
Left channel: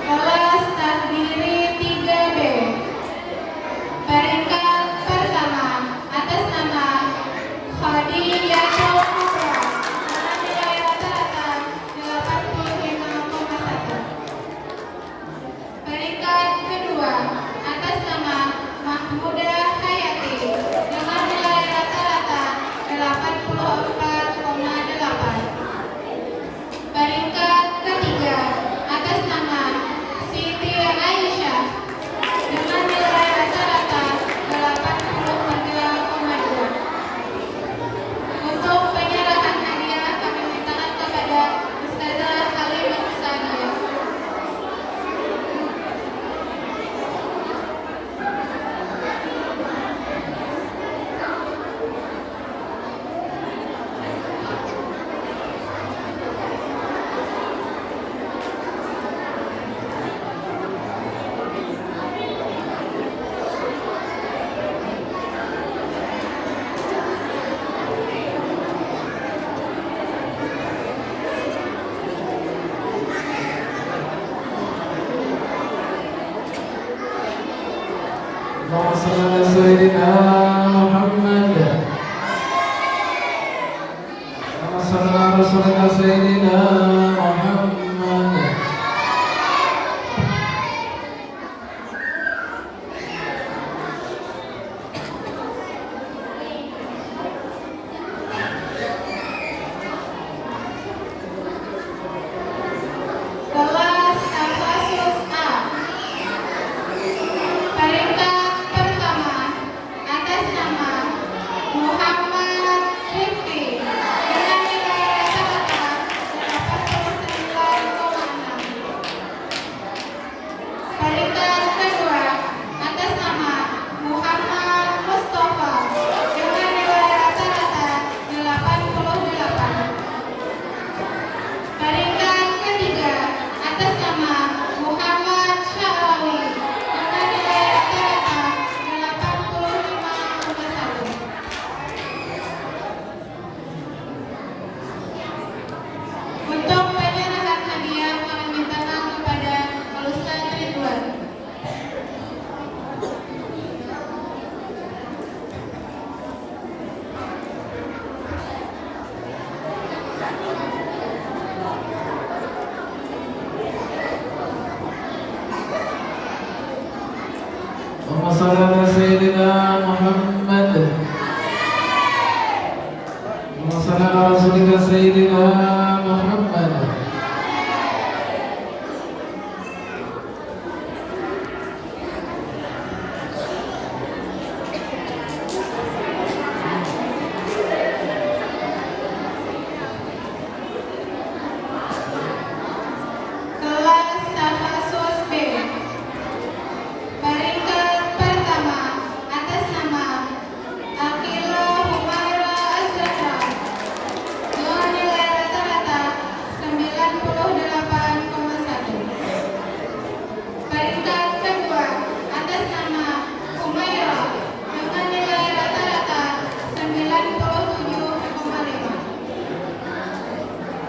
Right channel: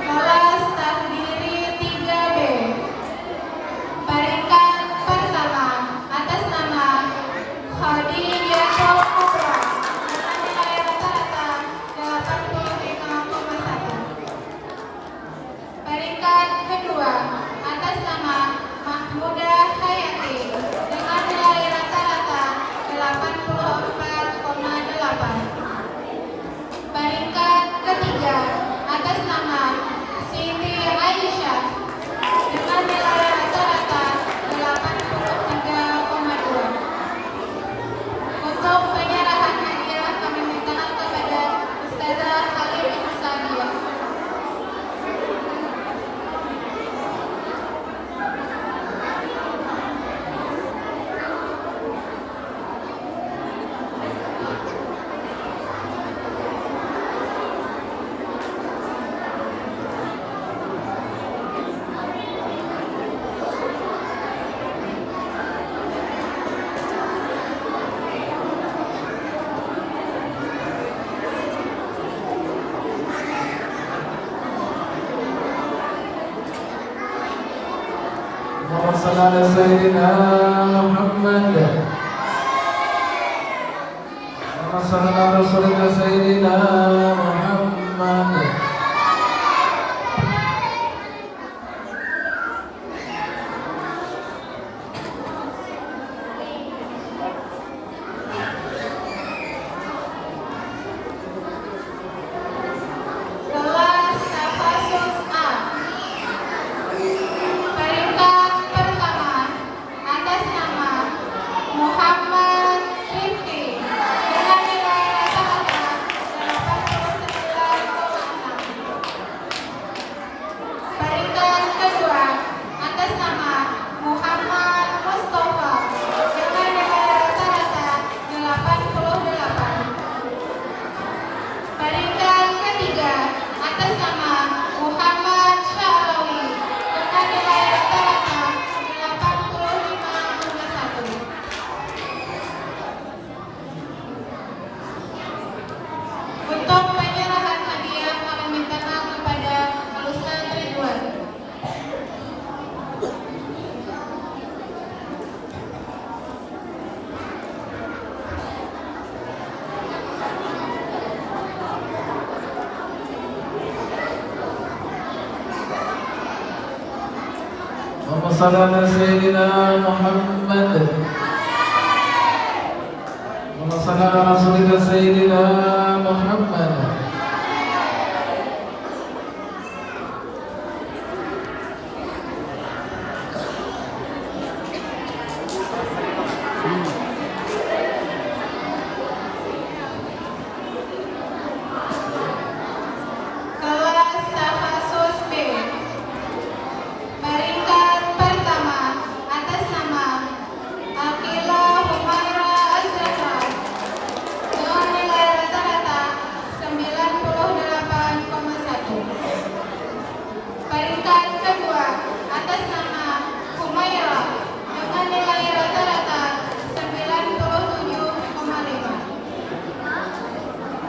Kelas takdiri 3B. Peringkat pertama atas nama Khadijatul Kubra dengan nilai rata-rata 85,1. اللهم صل على سيدنا محمد. اللهم صل على رسولك سيدنا محمد. Kelas Tafasus A. Peringkat pertama atas nama Muhammad Rifki dengan nilai rata-rata 89,6. Peringkat kedua atas nama Muhammad Mustafa dengan nilai rata-rata 88. Peringkat ketiga atas nama Muhammad Syarawi dengan nilai rata-rata 85,1. Untuk penyerahan hadiah kami mintakan kepada Ustaz Ridwan. اللهم صل على سيدنا محمد. اللهم صل على رسولك سيدنا محمد. Kelas Tafasus B. Peringkat pertama atas nama Akila Humaira Azhar dengan nilai rata-rata 98,1. Peringkat kedua atas nama Humaira dengan nilai rata-rata 97,5.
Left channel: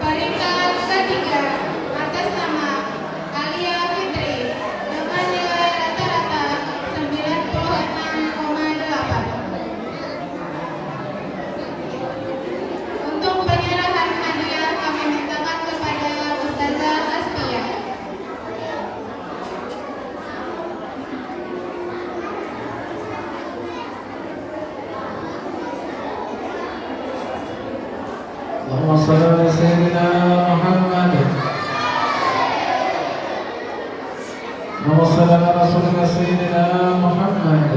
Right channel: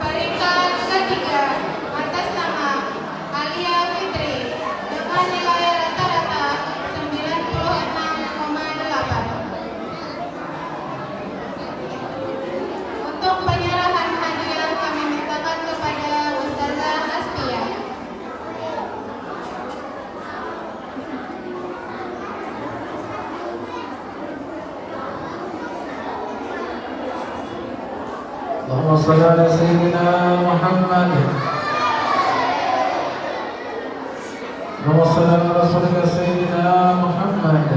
Peringkat ketiga atas nama Alia Fitri dengan nilai rata-rata 96,8. Untuk penyerahan hadiah kami mintakan kepada Ustazah Astia. اللهم صل على سيدنا محمد. اللهم صل على رسولك سيدنا محمد.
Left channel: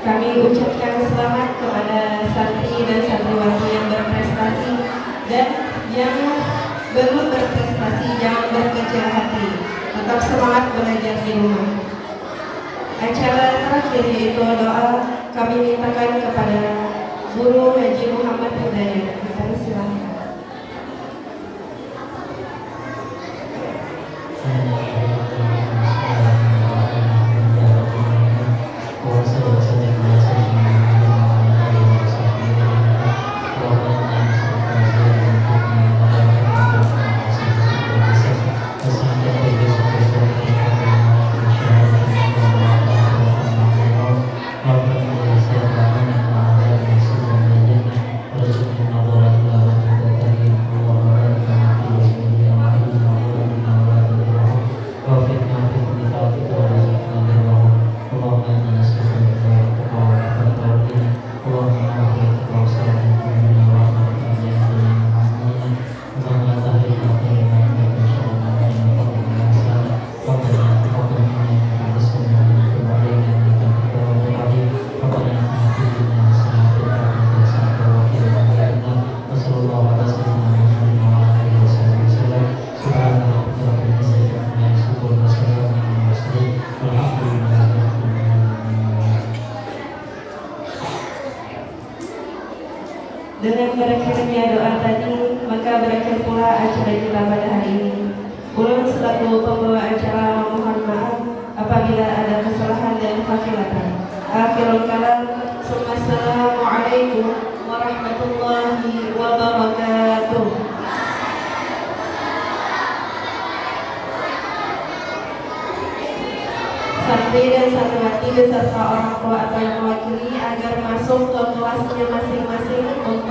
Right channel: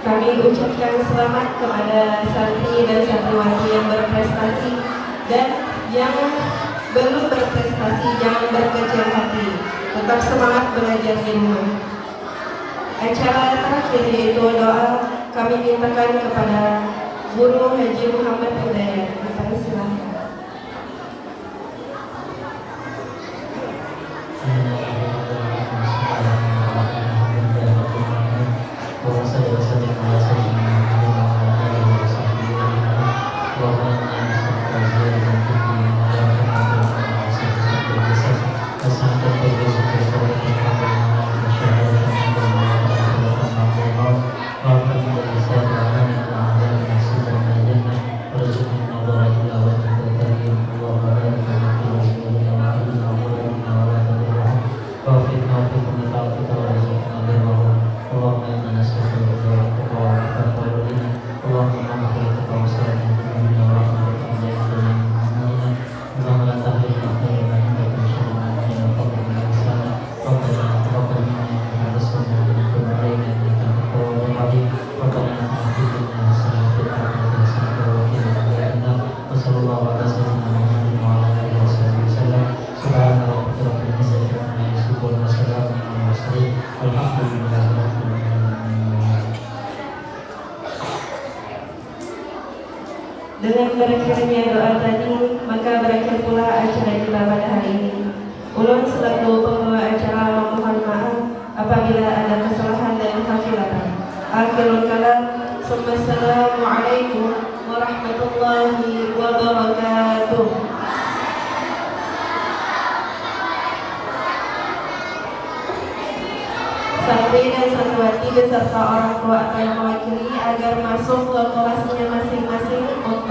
Kami ucapkan selamat kepada santri dan santriwati yang berprestasi dan yang belum berprestasi jangan berkecil hati. Tetap semangat belajar di rumah. Acara terakhir yaitu doa kami mintakan kepada Guru Haji Muhammad Hidayat. Kami silakan. Dengan berakhirnya doa tadi, maka berakhir pula acara kita pada hari ini. Ulun selaku pembawa acara memohon maaf apabila ada kesalahan dan kekhilapan. Akhirul kalam. Assalamualaikum warahmatullahi wabarakatuh. Santri dan santriwati beserta orang tua atau yang mewakili agar masuk ke kelasnya masing-masing untuk